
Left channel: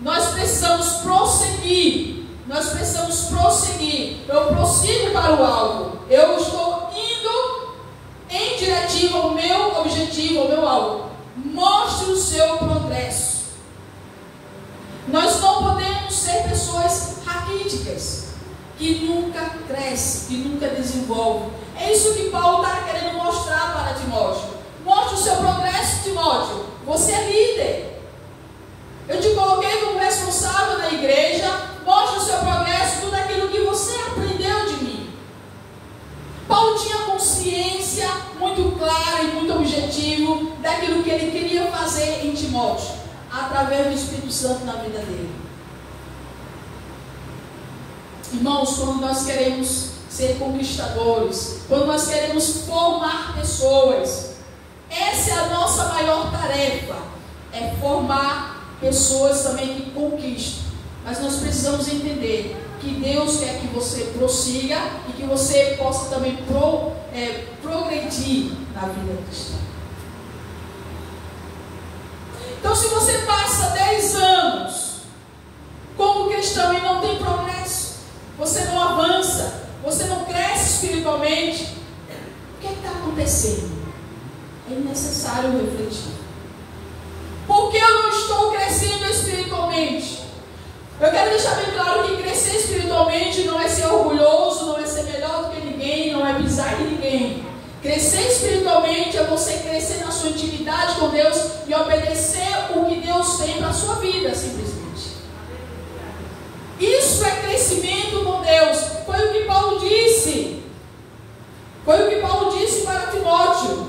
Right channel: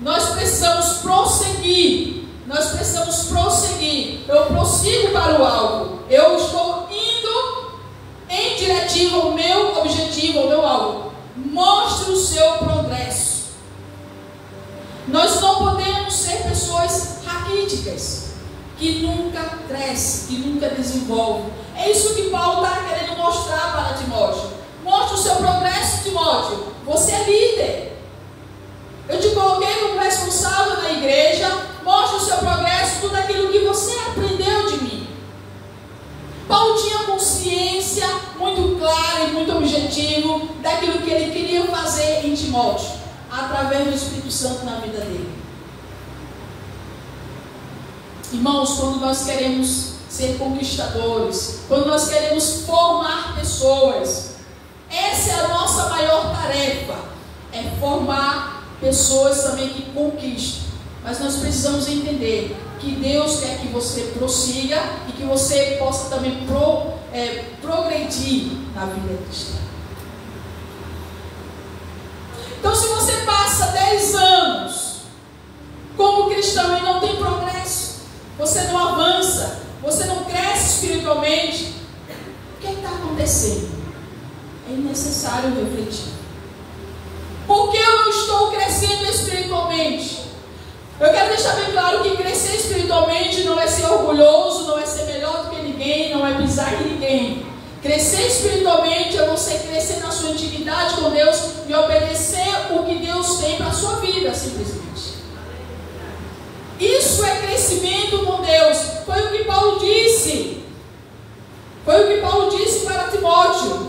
Nós precisamos prosseguir. Nós precisamos prosseguir. Eu prossigo para o alvo. Eu estou indo em direção ao meu objetivo, ao meu alvo. Mostre o seu progresso. Nós não podemos ser pessoas raquíticas, que nunca crescem, que nunca desenvolvem. É isso que Paulo está querendo mostrar para Timóteo. Mostre o seu progresso, Timóteo. Você é líder. Eu te coloquei como responsável na igreja. Mostre o seu progresso, tudo aquilo que você aprendeu de mim. Paulo tinha consciência muito clara e muito objetivo daquilo que ele queria fazer em Timóteo, através do Espírito Santo na vida dele. Irmãos, quando nós queremos ser conquistadores, quando nós queremos formar pessoas, essa é a nossa maior tarefa, é formar pessoas também que conquistam. Mas nós precisamos entender que Deus quer que você prossiga e que você possa também progredir na vida cristã. Então, se você passa 10 anos como cristão e não tem progresso, você não avança, você não cresce espiritualmente, o que está acontecendo? É necessário refletir. Por que eu não estou crescendo espiritualmente? Eu quero deixar bem claro que crescer espiritualmente não é ser orgulhoso, não é ser melhor do que ninguém, não é pisar em ninguém. Crescer espiritualmente é você crescer na sua intimidade com Deus e obedecer o que Deus tem para a sua vida, simplesmente. Isso é crescimento com Deus. Foi o que Paulo disse. Foi o que Paulo disse para Timóteo.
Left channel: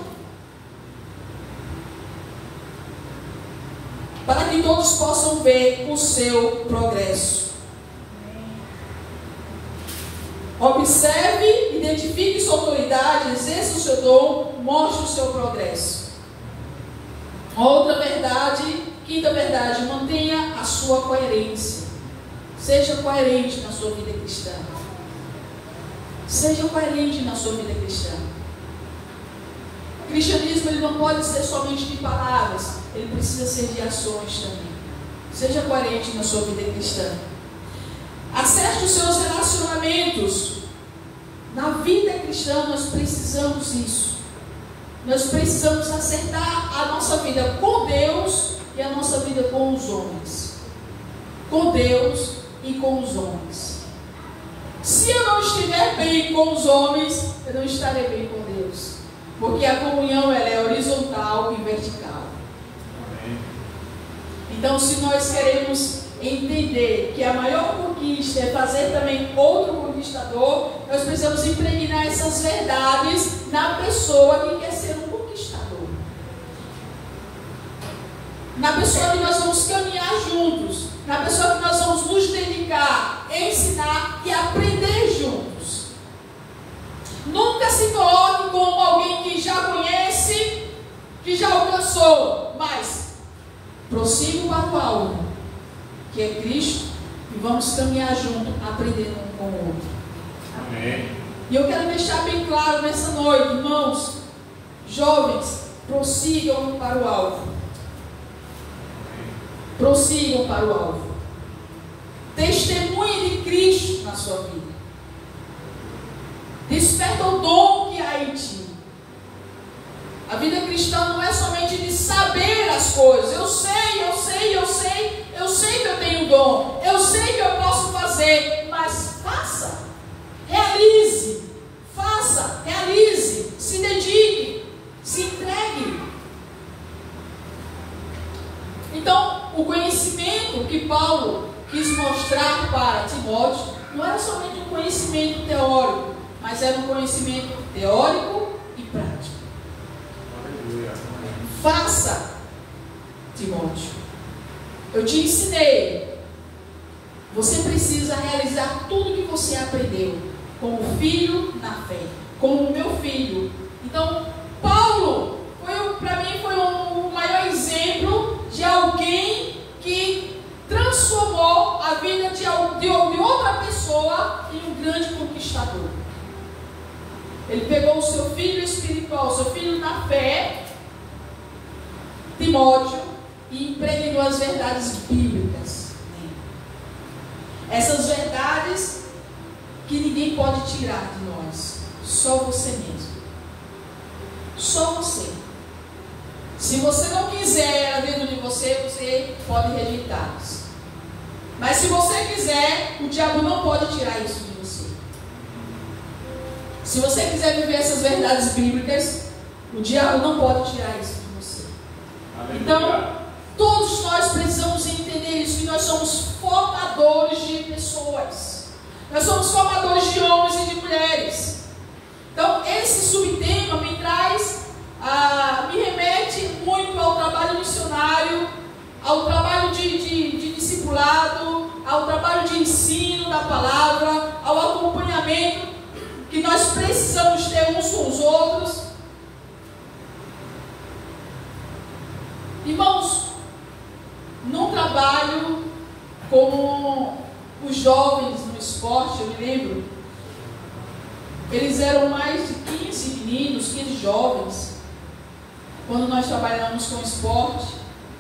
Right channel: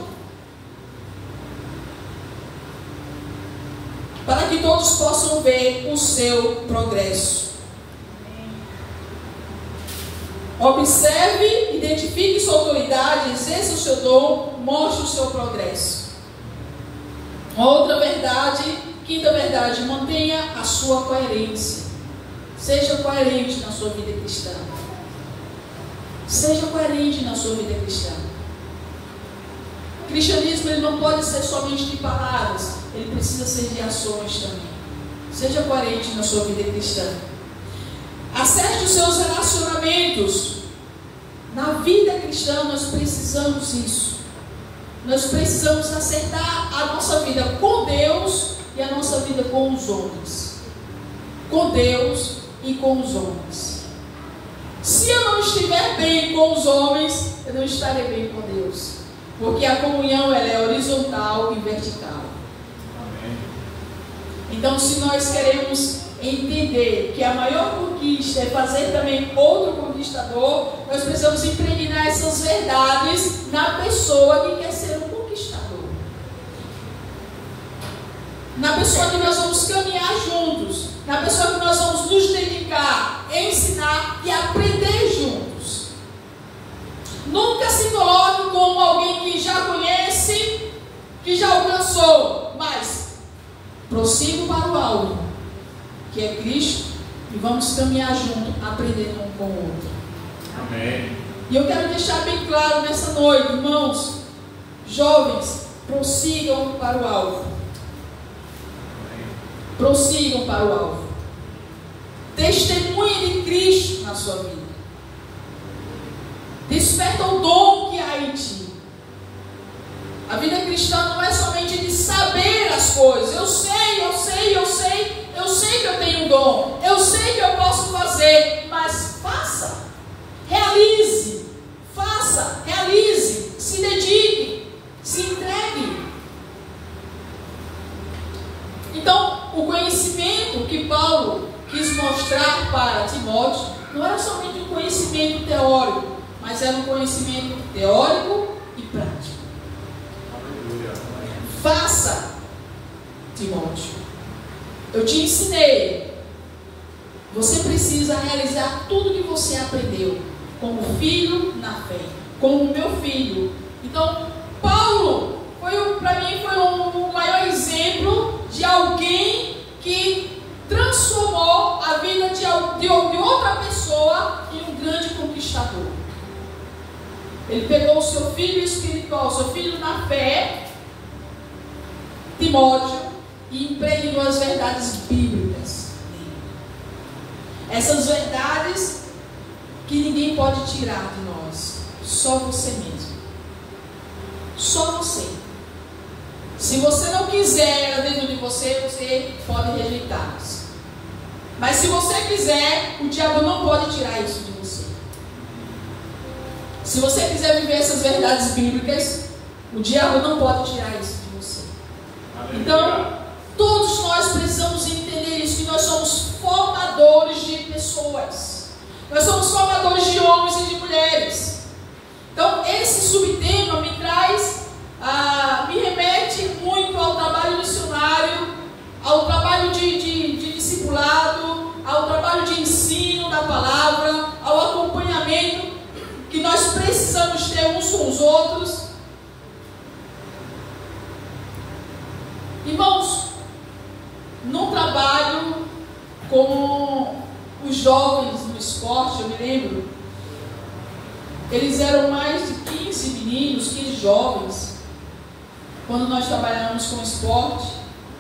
Para que todos possam ver o seu progresso. Observe, identifique sua autoridade, exerça o seu dom, mostre o seu progresso. Outra verdade, quinta verdade, mantenha a sua coerência. Seja coerente na sua vida cristã. Seja coerente na sua vida cristã. O cristianismo ele não pode ser somente de palavras, ele precisa ser de ações também. Seja coerente na sua vida cristã. Acerte os seus relacionamentos. Na vida cristã nós precisamos isso. Nós precisamos acertar a nossa vida com Deus e a nossa vida com os homens. Com Deus e com os homens. Se eu não estiver bem com os homens, eu não estarei bem com Deus. Porque a comunhão ela é horizontal e vertical. Amém. Então, se nós queremos entender que a maior conquista é fazer também outro conquistador, nós precisamos impregnar essas verdades na pessoa que quer ser um conquistador. Na pessoa que nós vamos caminhar juntos. Na pessoa que nós vamos nos dedicar, ensinar e aprender juntos. Nunca se coloque como alguém que já conhece, que já alcançou, mas prossiga para o alvo, que é Cristo, e vamos caminhar junto, aprendendo um com o outro. Amém. E eu quero deixar bem claro nessa noite, irmãos, jovens, prossigam para o alvo. Prossigam para o alvo. Testemunhe de Cristo na sua vida. Desperta o dom que há em ti. A vida cristã não é somente de saber as coisas. Eu sei que eu tenho dom. Eu sei que eu posso fazer. Mas faça. Realize. Faça. Realize. Se dedique. Se entregue. Então, o conhecimento que Paulo quis mostrar para Timóteo não era somente um conhecimento teórico, mas era um conhecimento teórico e prático. Aleluia. Faça, Timóteo. Eu te ensinei. Você precisa realizar tudo que você aprendeu, como filho na fé, como meu filho. Então, Paulo para mim foi o maior exemplo de alguém que transformou a vida de outra pessoa em um grande conquistador. Ele pegou o seu filho espiritual, o seu filho na fé, Timóteo, e impregnou as verdades bíblicas nele. Essas verdades que ninguém pode tirar de nós, só você mesmo. Só você. Se você não quiser dentro de você, você pode rejeitá-las. Mas se você quiser, o diabo não pode tirar isso de você. Se você quiser viver essas verdades bíblicas, o diabo não pode tirar isso de você. Então, todos nós precisamos entender isso, que nós somos formadores de pessoas. Nós somos formadores de homens e de mulheres. Então, esse subtema me remete muito ao trabalho missionário, ao trabalho de discipulado, ao trabalho de ensino da palavra, ao acompanhamento que nós precisamos ter uns com os outros. Irmãos, num trabalho com os jovens no esporte, eu me lembro, eles eram mais de 15 meninos, 15 jovens, quando nós trabalhamos com esporte,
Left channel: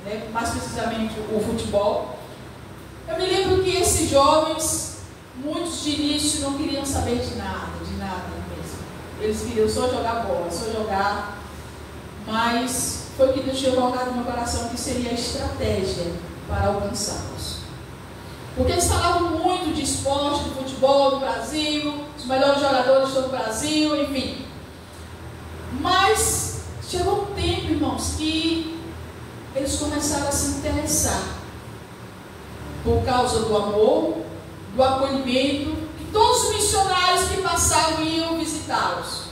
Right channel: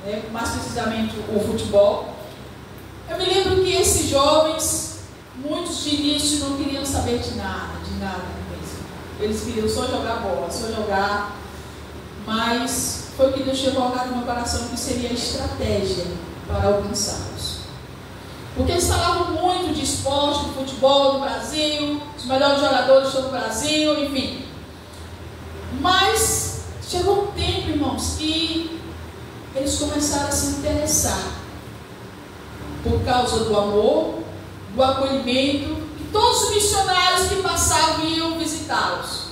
né, mais precisamente o futebol. Eu me lembro que esses jovens, muitos de início não queriam saber de nada mesmo. Eles queriam só jogar bola, só jogar, mas foi o que Deus tinha colocado no meu coração que seria a estratégia para alcançá-los. Porque eles falavam muito de esporte, de futebol no Brasil, os melhores jogadores estão no Brasil, enfim. Mas chegou um tempo, irmãos, que eles começaram a se interessar por causa do amor, do acolhimento, que todos os missionários que passavam iam visitá-los.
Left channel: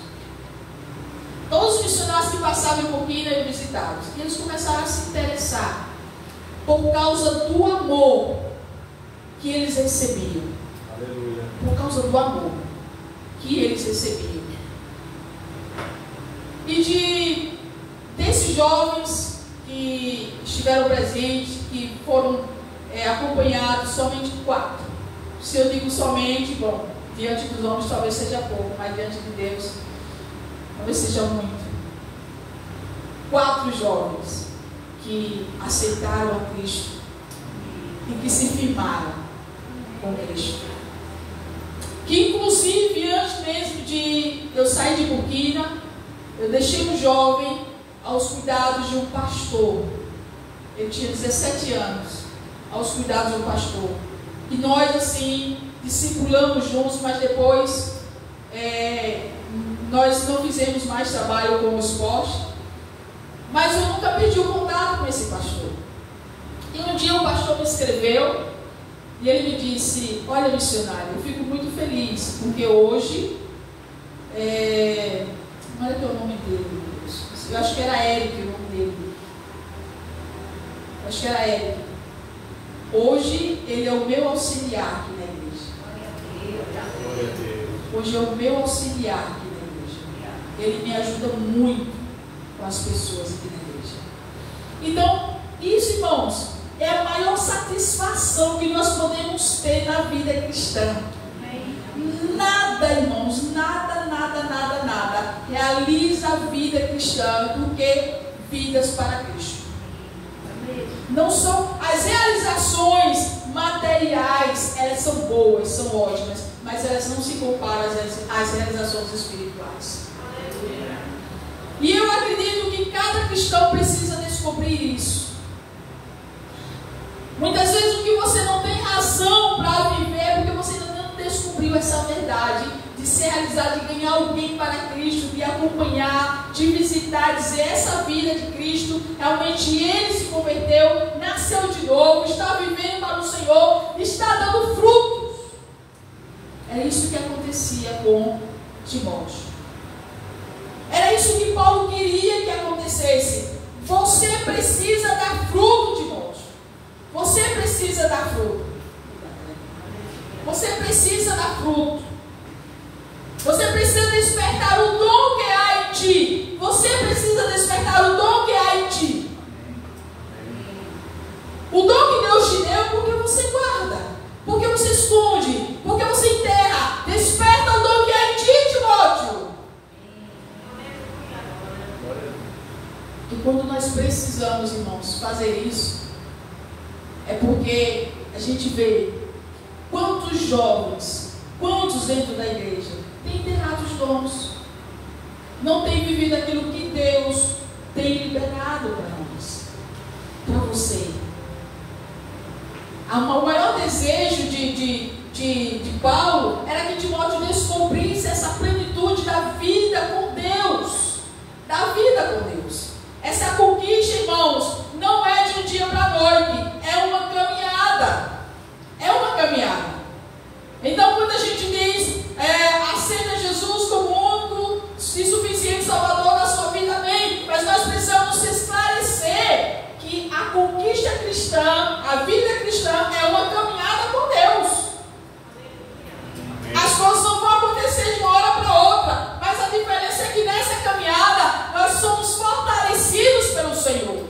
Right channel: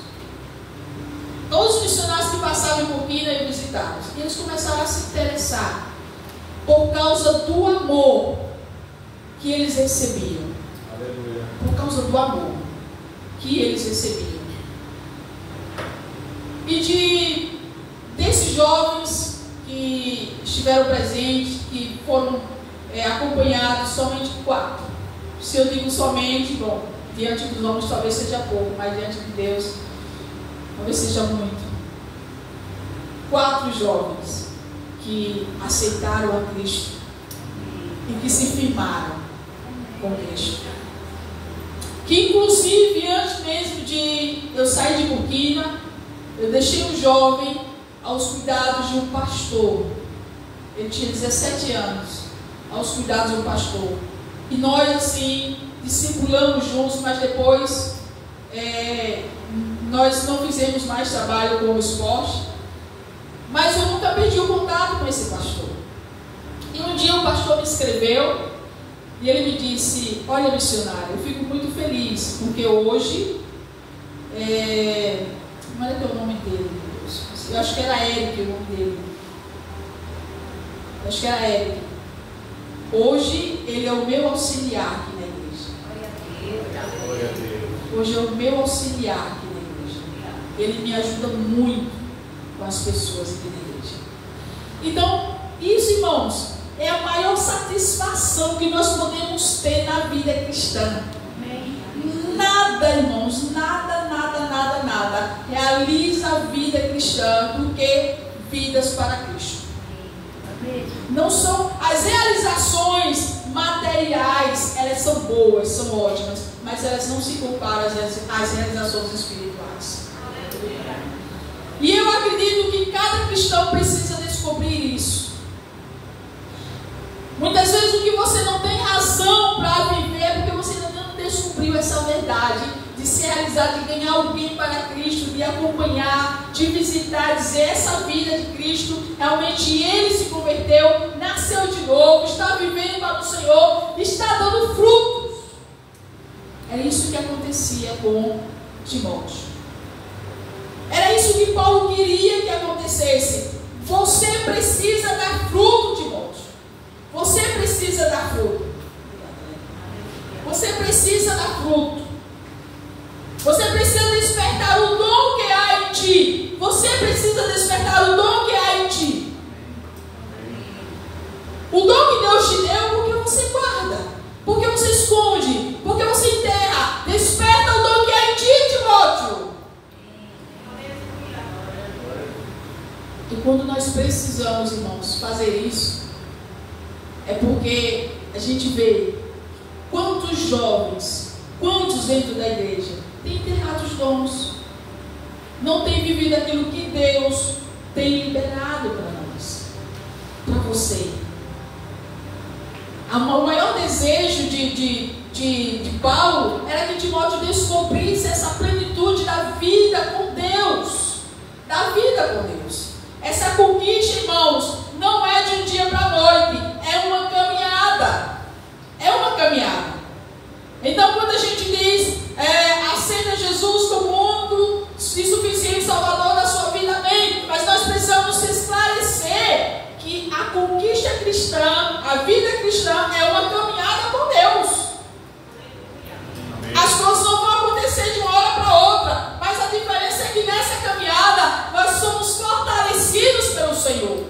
Todos os missionários que passavam em Burkina iam visitá-los. E eles começaram a se interessar por causa do amor que eles recebiam. Aleluia. Por causa do amor que eles recebiam. E desses jovens que estiveram presentes, que foram acompanhados, somente 4. Se eu digo somente, bom, diante dos homens talvez seja pouco, mas diante de Deus talvez seja muito. 4 jovens que aceitaram a Cristo e que se firmaram com Cristo. Que inclusive, antes mesmo de eu sair de Burkina, eu deixei um jovem aos cuidados de um pastor. Ele tinha 17 anos, aos cuidados de um pastor. E nós, assim, discipulamos juntos, mas depois nós não fizemos mais trabalho como esporte. Mas eu nunca perdi o contato com esse pastor. E um dia o pastor me escreveu e ele me disse: olha, missionário, eu fico muito feliz, porque hoje, como é que é o nome dele, meu Deus? Eu acho que era Eric o nome dele. Acho que era Eric. Hoje ele é o meu auxiliar aqui na igreja. Glória a Deus. Hoje é o meu auxiliar aqui na igreja. Ele me ajuda muito com as pessoas aqui na igreja. Então, isso, irmãos, é a maior satisfação que nós podemos ter na vida cristã. Nada, irmãos, nada realiza a vida cristã do que vidas para Cristo. Não são as realizações materiais, elas são boas, são ótimas, mas elas não se comparam às realizações espirituais. E eu acredito que cada cristão precisa descobrir isso. Muitas vezes o que você não tem razão para viver é porque você ainda não descobriu essa verdade de se realizar, de ganhar alguém para Cristo, de acompanhar, de visitar, dizer essa vida de Cristo, realmente ele se converteu, nasceu de novo, está vivendo para o Senhor, está dando frutos. É isso que acontecia com Timóteo. Era isso que Paulo queria que acontecesse. Você precisa dar fruto, Timóteo. Você precisa dar fruto. Você precisa dar fruto. Você precisa despertar o dom que há em ti. Você precisa despertar o dom que há em ti. O dom que Deus te deu, porque você guarda, porque você esconde, porque você enterra. Desperta o dom que há em ti, Timóteo. E quando nós precisamos, irmãos, fazer isso, é porque a gente vê quantos jovens, quantos dentro da igreja têm enterrado os dons, não têm vivido aquilo que Deus tem liberado para nós, para você. O maior desejo de Paulo era que Timóteo descobrisse essa plenitude da vida com Deus, da vida com Deus. Essa conquista, irmãos, não é de um dia para a noite, é uma caminhada. É uma caminhada. Então, quando a gente diz aceita Jesus como único e suficiente Salvador da sua vida, amém. Mas nós precisamos esclarecer que a conquista cristã, a vida cristã, é uma caminhada com Deus. As coisas não vão acontecer de uma hora para outra, mas a diferença é que nessa caminhada nós somos fortalecidos pelo Senhor.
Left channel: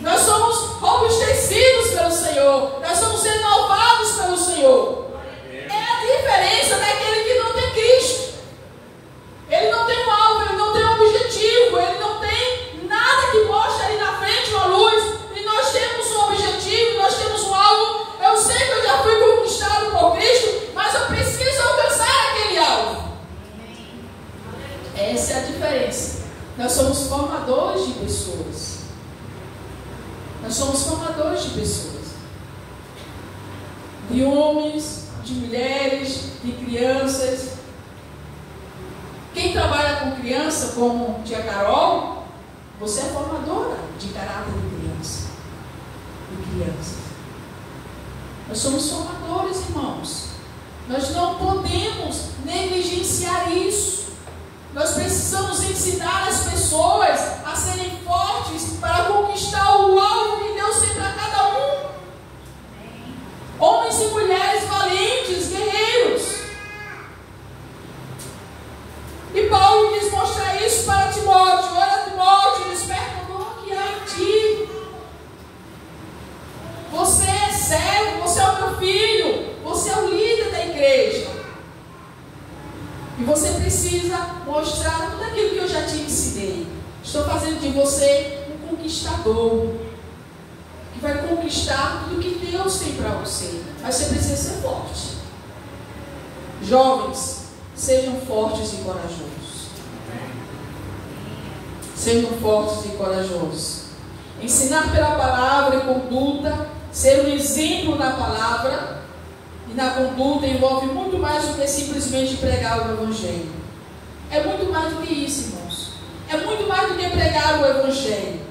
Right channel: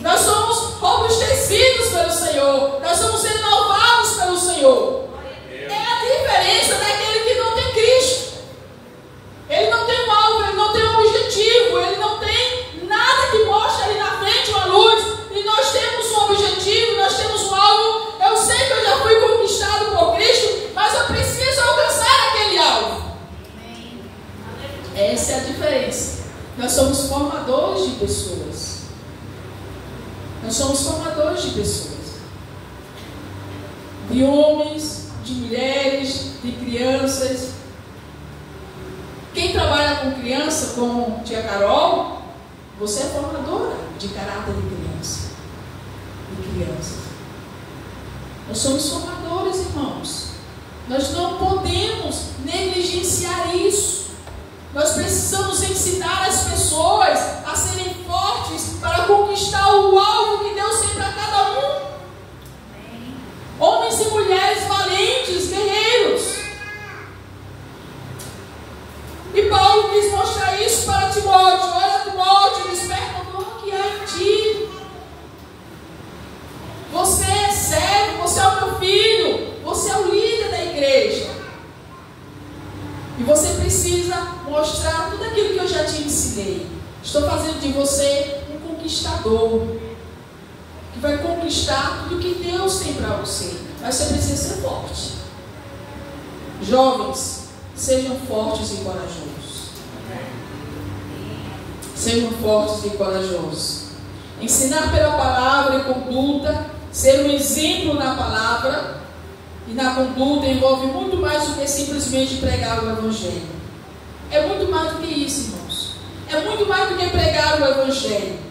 Nós somos robustecidos pelo Senhor. Nós somos renovados pelo Senhor. É a diferença daquele que não tem Cristo. Ele não tem um alvo, ele não tem um objetivo, ele não tem nada que mostre ali na frente uma luz. E nós temos um objetivo, nós temos um alvo. Eu sei que eu já fui conquistado por Cristo, mas eu preciso alcançar aquele alvo. Essa é a diferença. Nós somos formadores de pessoas. Nós somos formadores de pessoas. De homens, de mulheres, de crianças. Quem trabalha com criança, como tia Carol, você é formadora de caráter de criança. De crianças. Nós somos formadores, irmãos. Nós não podemos negligenciar isso. Nós precisamos ensinar as pessoas a serem fortes para conquistar o alvo que Deus tem para cada um. Homens e mulheres valentes, guerreiros. E Paulo quis mostrar isso para Timóteo. Olha, Timóteo, desperta o dom que há em ti. Você é servo, você é o meu filho, você é o líder da igreja. E você precisa mostrar tudo aquilo que eu já te ensinei. Estou fazendo de você um conquistador. e vai conquistar tudo que Deus tem para você. Mas você precisa ser forte. Jovens, sejam fortes e corajosos. Sejam fortes e corajosos. Ensinar pela palavra e conduta, ser um exemplo na palavra e na conduta envolve muito mais do que simplesmente pregar o Evangelho. É muito mais do que isso, irmãos. É muito mais do que pregar o Evangelho.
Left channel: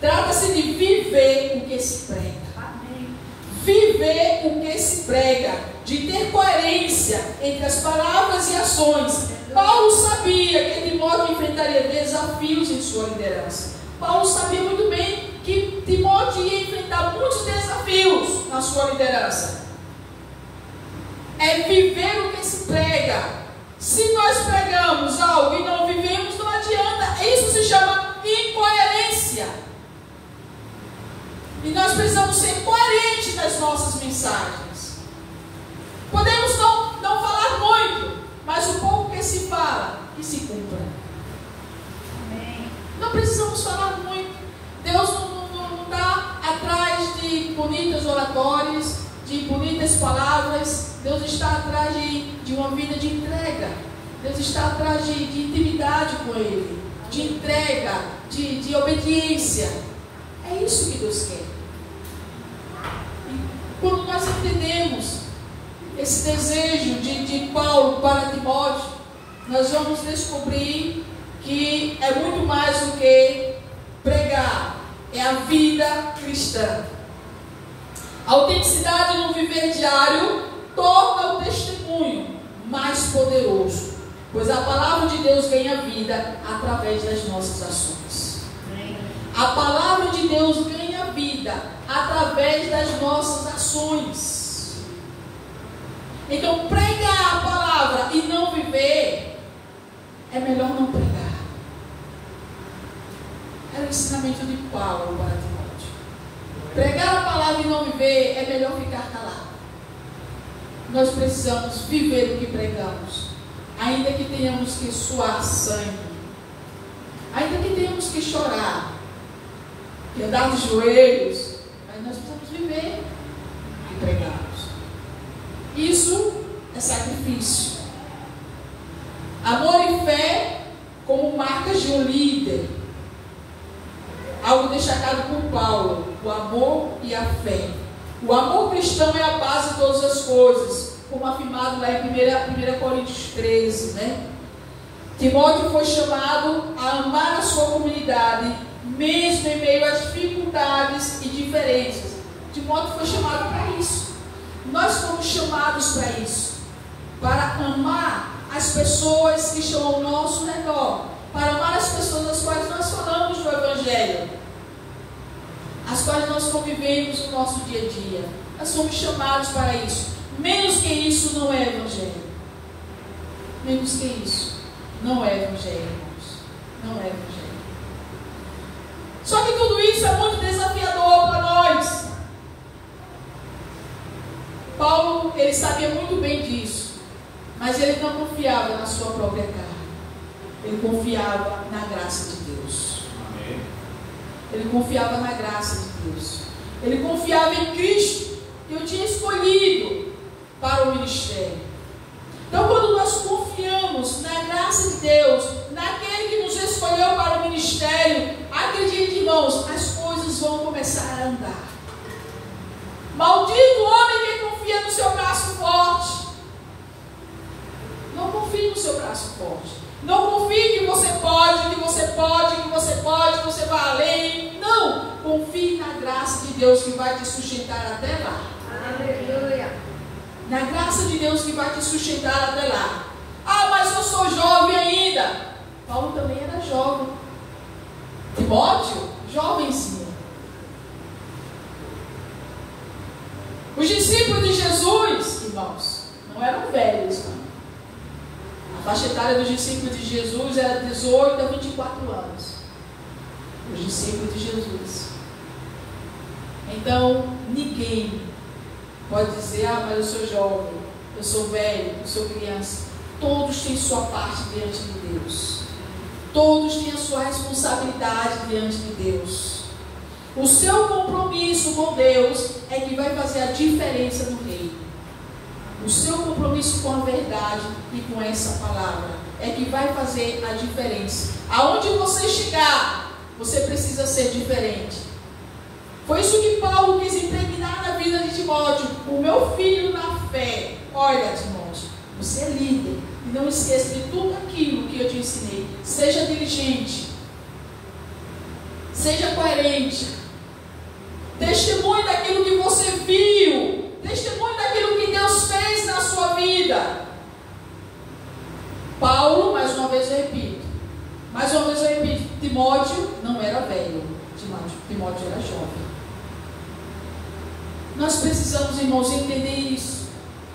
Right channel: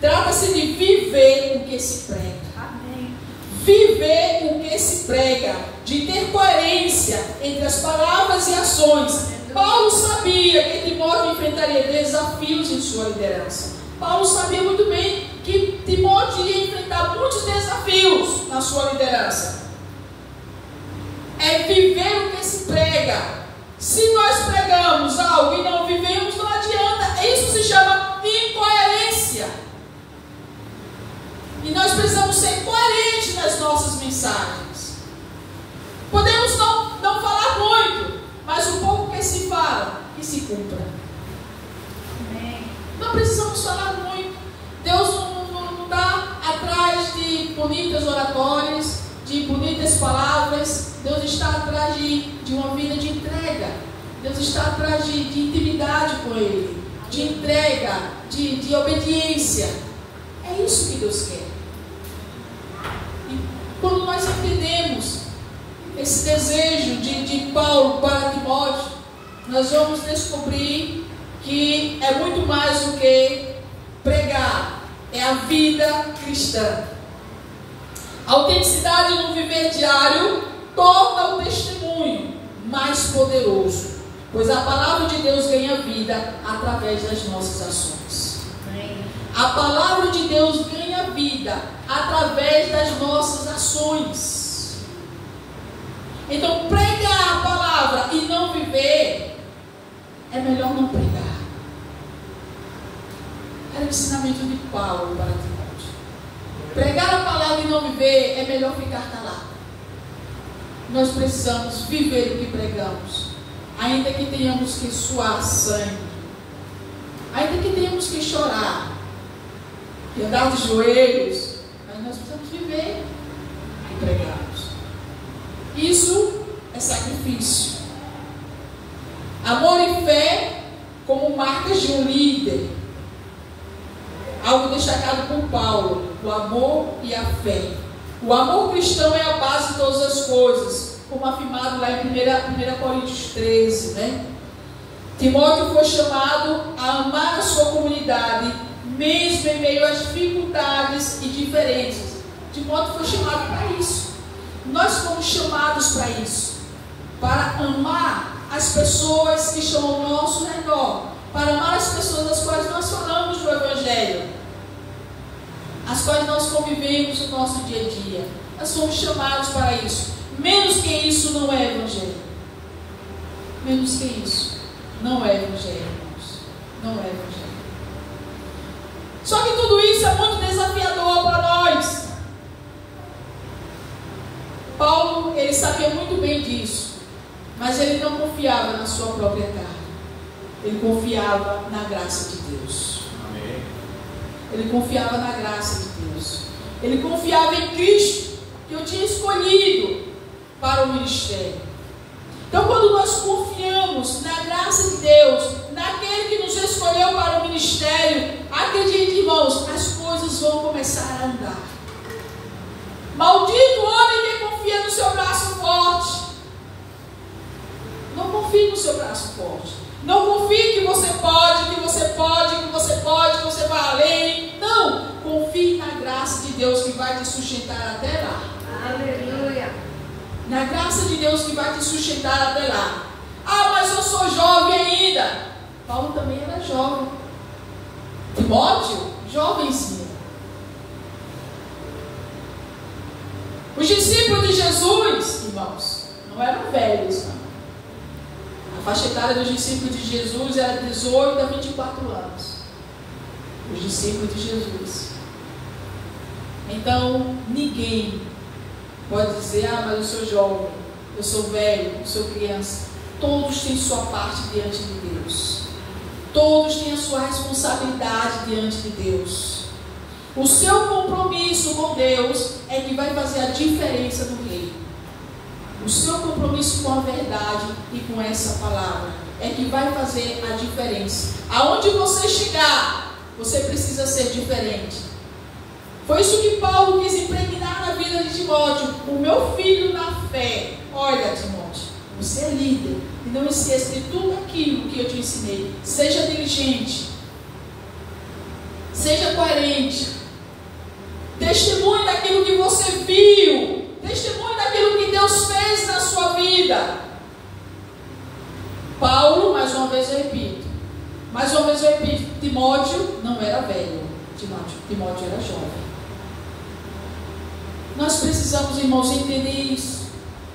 Trata-se de viver o que se prega. Amém. Viver o que se prega, de ter coerência entre as palavras e ações. Paulo sabia que Timóteo enfrentaria desafios em sua liderança. Paulo sabia muito bem que Timóteo ia enfrentar muitos desafios na sua liderança. É viver o que se prega. Se nós pregamos algo e não vivemos, não adianta. Isso se chama incoerência. E nós precisamos ser coerentes nas nossas mensagens. Podemos não falar muito, mas o pouco que se fala, que se cumpra. Amém. Não precisamos falar muito. Deus não está atrás de bonitas oratórias, de bonitas palavras. Deus está atrás de uma vida de entrega. Deus está atrás de intimidade com Ele, de entrega, de obediência. É isso que Deus quer. E quando nós entendemos esse desejo de Paulo para Timóteo, nós vamos descobrir que é muito mais do que pregar, é a vida cristã. A autenticidade no viver diário torna o testemunho mais poderoso, pois a palavra de Deus ganha vida através das nossas ações. A palavra de Deus ganha vida através das nossas ações. Então, pregar a palavra e não viver, é melhor não pregar. Era o ensinamento de Paulo para Timóteo. Pregar a palavra e não viver, é melhor ficar calado. Nós precisamos viver o que pregamos, ainda que tenhamos que suar sangue, ainda que tenhamos que chorar e andar de joelhos, mas nós precisamos viver o que pregamos. Isso é sacrifício. Amor e fé como marcas de um líder. Algo destacado por Paulo: o amor e a fé. O amor cristão é a base de todas as coisas, como afirmado lá em 1 Coríntios 13, né? Timóteo foi chamado a amar a sua comunidade, mesmo em meio às dificuldades e diferenças. Timóteo foi chamado para isso. Nós fomos chamados para isso, para amar as pessoas que estão ao nosso redor, para amar as pessoas das quais nós falamos do Evangelho, as quais nós convivemos no nosso dia a dia. Nós somos chamados para isso. Menos que isso não é Evangelho. Menos que isso não é Evangelho, irmãos. Não é Evangelho. Só que tudo isso é muito desafiador para nós. Paulo, ele sabia muito bem disso, mas ele não confiava na sua própria carne. Ele confiava na graça de Deus. Amém. Ele confiava na graça de Deus. Ele confiava em Cristo, que o tinha escolhido para o ministério. Então, quando nós confiamos na graça de Deus, naquele que nos escolheu para o ministério, acredite, irmãos, as coisas vão começar a andar. Maldito o homem que confia no seu braço forte. Não confie no seu braço forte. Não confie que você pode, que você pode, que você pode, que você vai além. Não. Confie na graça de Deus que vai te sustentar até lá. Aleluia. Na graça de Deus que vai te sustentar até lá. Ah, mas eu sou jovem ainda. Paulo também era jovem. Timóteo, jovenzinho. Os discípulos de Jesus, irmãos, não eram velhos, não. A faixa etária dos discípulos de Jesus era 18 a 24 anos. Os discípulos de Jesus. Então, ninguém pode dizer: ah, mas eu sou jovem, eu sou velho, eu sou criança. Todos têm sua parte diante de Deus. Todos têm a sua responsabilidade diante de Deus. O seu compromisso com Deus é que vai fazer a diferença no reino. O seu compromisso com a verdade e com essa palavra é que vai fazer a diferença. Aonde você chegar, você precisa ser diferente. Foi isso que Paulo quis impregnar na vida de Timóteo. O meu filho na fé. Olha, Timóteo, você é líder. E não esqueça de tudo aquilo que eu te ensinei. Seja diligente. Seja coerente. Testemunhe daquilo que você viu. Testemunhe daquilo que Deus fez na sua vida. Paulo, mais uma vez eu repito. Timóteo não era velho. Timóteo era jovem. Nós precisamos, irmãos, entender isso.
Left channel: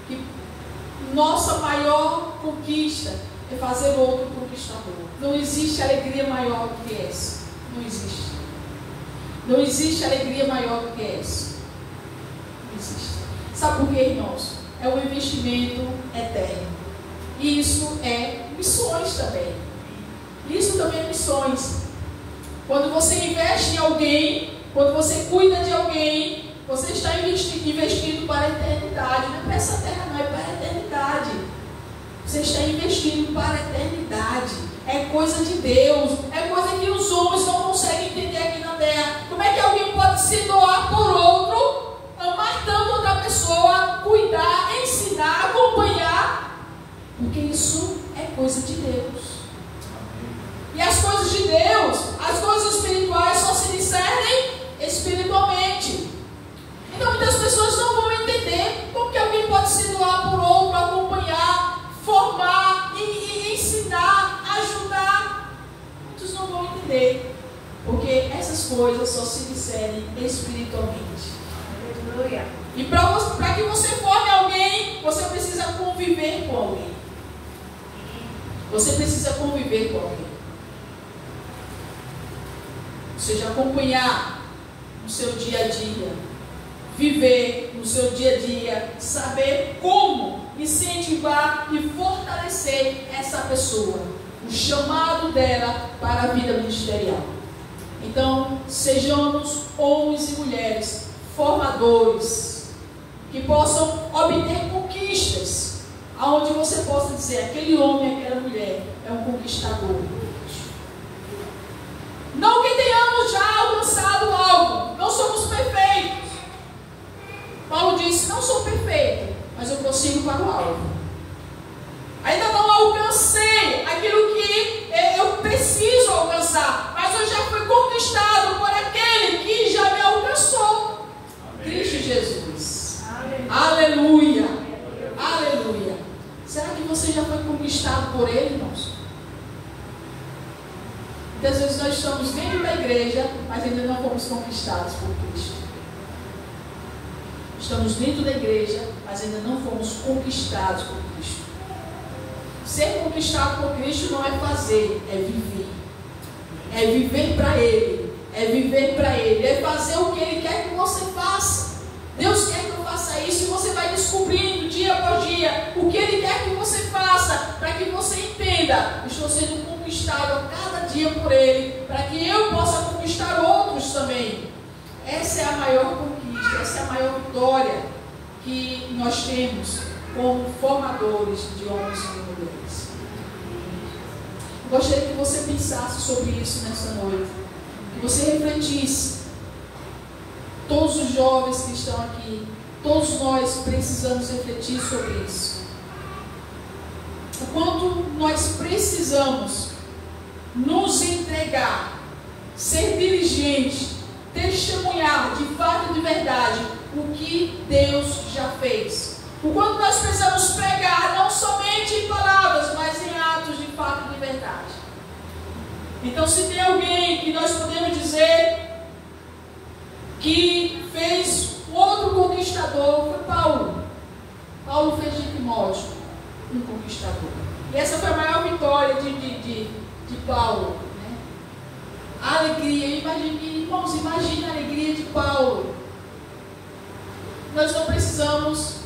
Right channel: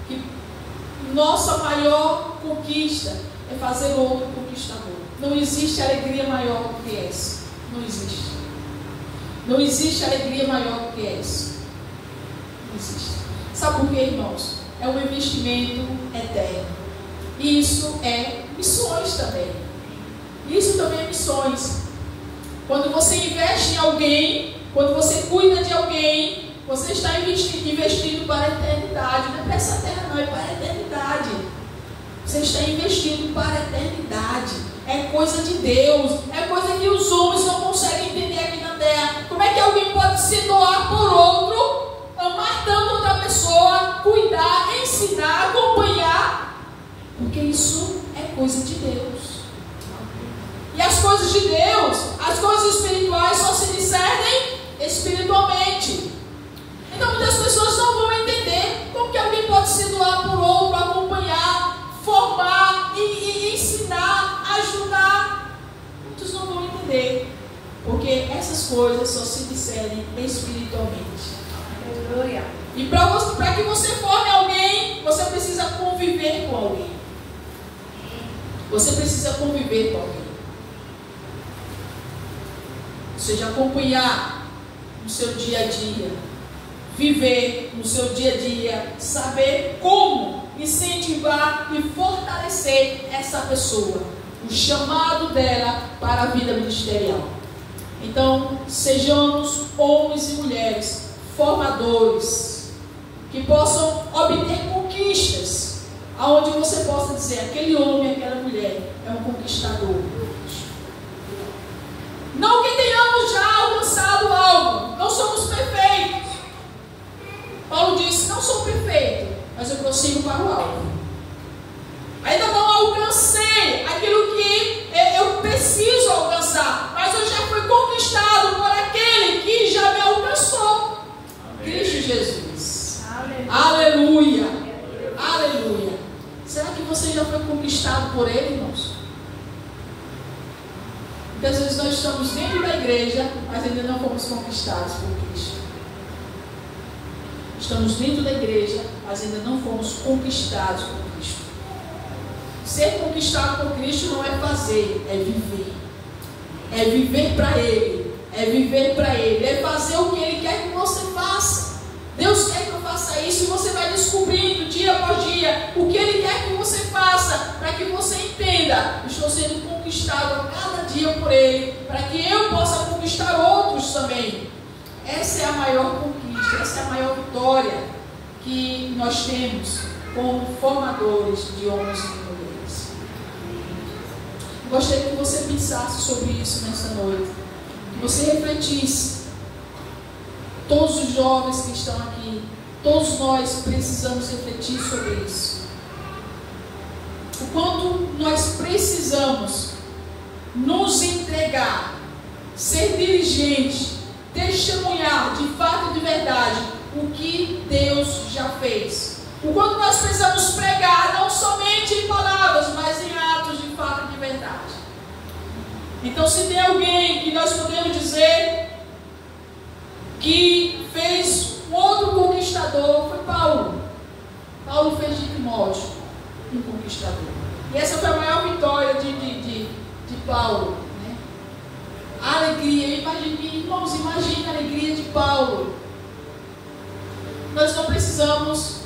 Que nossa maior conquista é fazer o outro conquistador. Não existe alegria maior do que essa. Não existe. Não existe alegria maior do que essa. Não existe. Sabe por quê, irmãos? É um investimento eterno. E isso é missões também. Isso também é missões. Quando você investe em alguém, quando você cuida de alguém, você está investindo para a eternidade. Não é para essa terra, não, é para a eternidade. Você está investindo para a eternidade. É coisa de Deus. É coisa que os homens não conseguem entender aqui na terra. Como é que alguém pode se doar por outro, amar tanto outra pessoa, cuidar, ensinar, acompanhar? Porque isso é coisa de Deus. E as coisas de Deus, as coisas espirituais só se discernem espiritualmente. Então muitas pessoas não vão entender como que alguém pode se doar por outro, acompanhar, formar e ensinar, ajudar. Muitos não vão entender, porque essas coisas só se discernem espiritualmente. Aleluia. E para que você forme alguém, você precisa conviver com alguém. Você precisa conviver com alguém. Ou seja, acompanhar no seu dia a dia, viver no seu dia a dia, saber como incentivar e fortalecer essa pessoa, o chamado dela para a vida ministerial. Então, sejamos homens e mulheres formadores, que possam obter conquistas, aonde você possa dizer, aquele homem, aquela mulher é um conquistador. Não que tenhamos já alcançado algo, não somos perfeitos. Paulo disse, não sou perfeito, mas eu prossigo para o alvo. Ainda não alcancei aquilo que eu preciso alcançar, mas eu já fui conquistado por aquele que já me alcançou. Amém. Cristo Jesus. Aleluia. Aleluia. Aleluia. Será que você já foi conquistado por Ele, irmãos? Muitas vezes nós estamos dentro da igreja, mas ainda não fomos conquistados por Cristo. Estamos dentro da igreja, mas ainda não fomos conquistados por Cristo. Ser conquistado por Cristo não é fazer, é viver. É viver para Ele. É viver para Ele. É fazer o que Ele quer que você faça. Deus quer que eu faça isso e você vai descobrindo dia após dia o que Ele quer que você faça, para que você entenda, eu estou sendo conquistado a cada dia por Ele, para que eu possa conquistar outros também. Essa é a maior conquista, essa é a maior vitória que nós temos como formadores de homens e mulheres. Eu gostaria que você pensasse sobre isso nessa noite, que você refletisse. Todos os jovens que estão aqui, todos nós precisamos refletir sobre isso. O quanto nós precisamos nos entregar, ser diligente, testemunhar de fato e de verdade o que Deus já fez. O quanto nós precisamos pregar, não somente em palavras, mas em atos de fato e de verdade. Então, se tem alguém que nós podemos dizer que fez um outro conquistador, foi Paulo. Paulo fez de Timóteo um conquistador. E essa foi a maior vitória de Paulo, né? A alegria, irmãos, imagine a alegria de Paulo. Nós não precisamos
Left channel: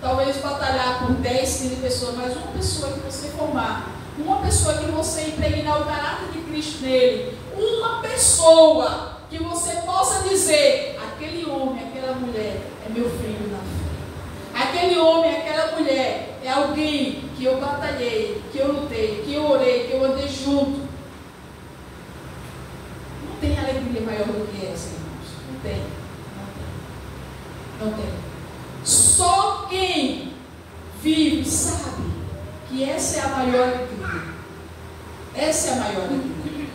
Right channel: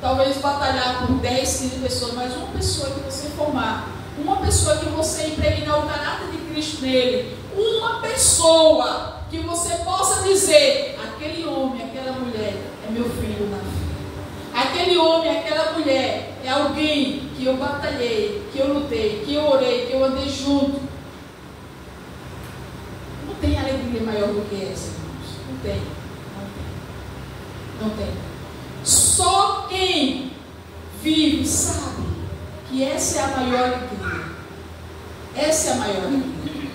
talvez batalhar por 10, 15 pessoas, mas uma pessoa que você formar, uma pessoa que você impregnar o caráter de Cristo nele, uma pessoa que você possa dizer: aquele homem, aquela mulher é meu filho na fé. Aquele homem, aquela mulher é alguém que eu batalhei, que eu lutei, que eu orei, que eu andei junto. Não tem alegria maior do que essa, irmãos. Não tem. Não tem. Só quem vive sabe que essa é a maior alegria. Essa é a maior alegria.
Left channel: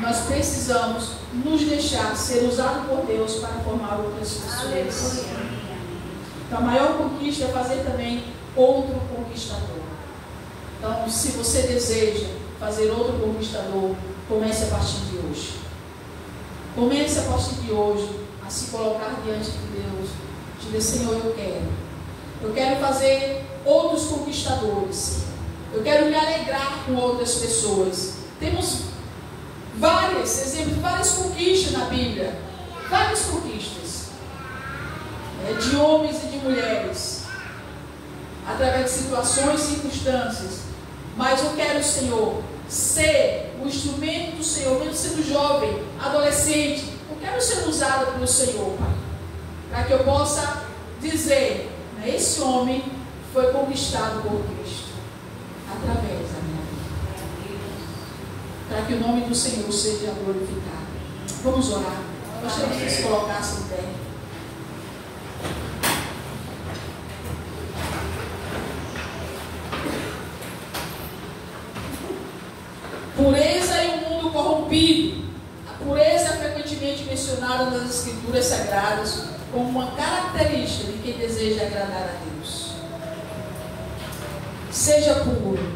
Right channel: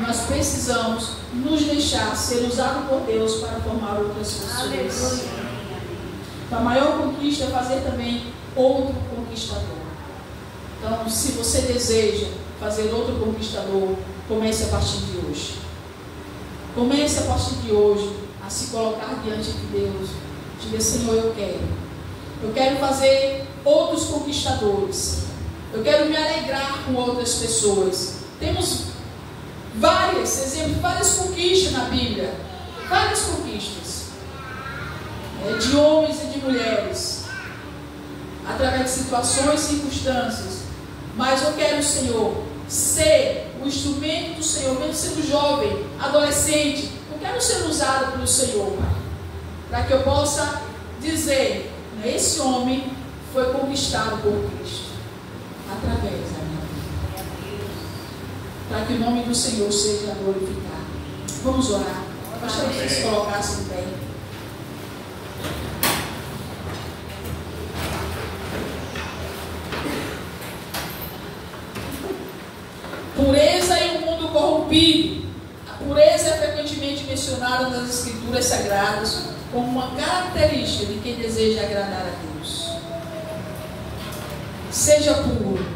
Nós precisamos nos deixar ser usados por Deus para formar outras pessoas. Então, a maior conquista é fazer também outro conquistador. Então, se você deseja fazer outro conquistador, comece a partir de hoje. Comece a partir de hoje a se colocar diante de Deus. Diga: Senhor, eu quero fazer outros conquistadores. Eu quero me alegrar com outras pessoas. Temos vários exemplos, várias conquistas na Bíblia. Várias conquistas. De homens e de mulheres. Através de situações e circunstâncias. Mas eu quero, Senhor, ser o instrumento do Senhor, mesmo sendo jovem, adolescente. Eu quero ser usado pelo Senhor, Pai. Para que eu possa dizer: esse homem foi conquistado por Cristo. Através da minha vida. Para que o nome do Senhor seja glorificado. Vamos orar. Eu gostaria que se colocasse em pé. Pureza em um mundo corrompido. A pureza é frequentemente mencionada nas Escrituras Sagradas como uma característica de quem deseja agradar a Deus. Seja puro.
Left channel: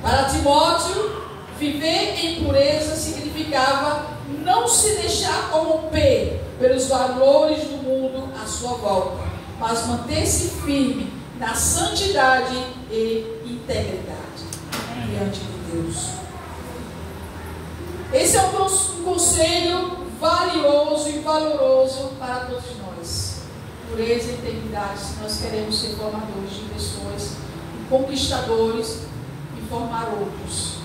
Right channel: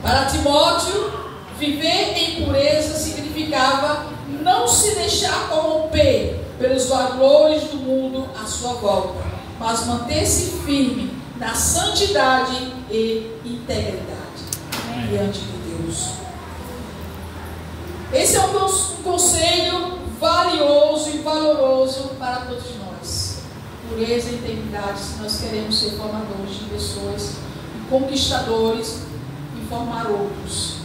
Para Timóteo, viver em pureza significava não se deixar corromper pelos valores do mundo à sua volta, mas manter-se firme na santidade e integridade diante de Deus. Esse é um conselho valioso e valoroso para todos nós. Pureza e integridade, se nós queremos ser formadores de pessoas, conquistadores e formar outros.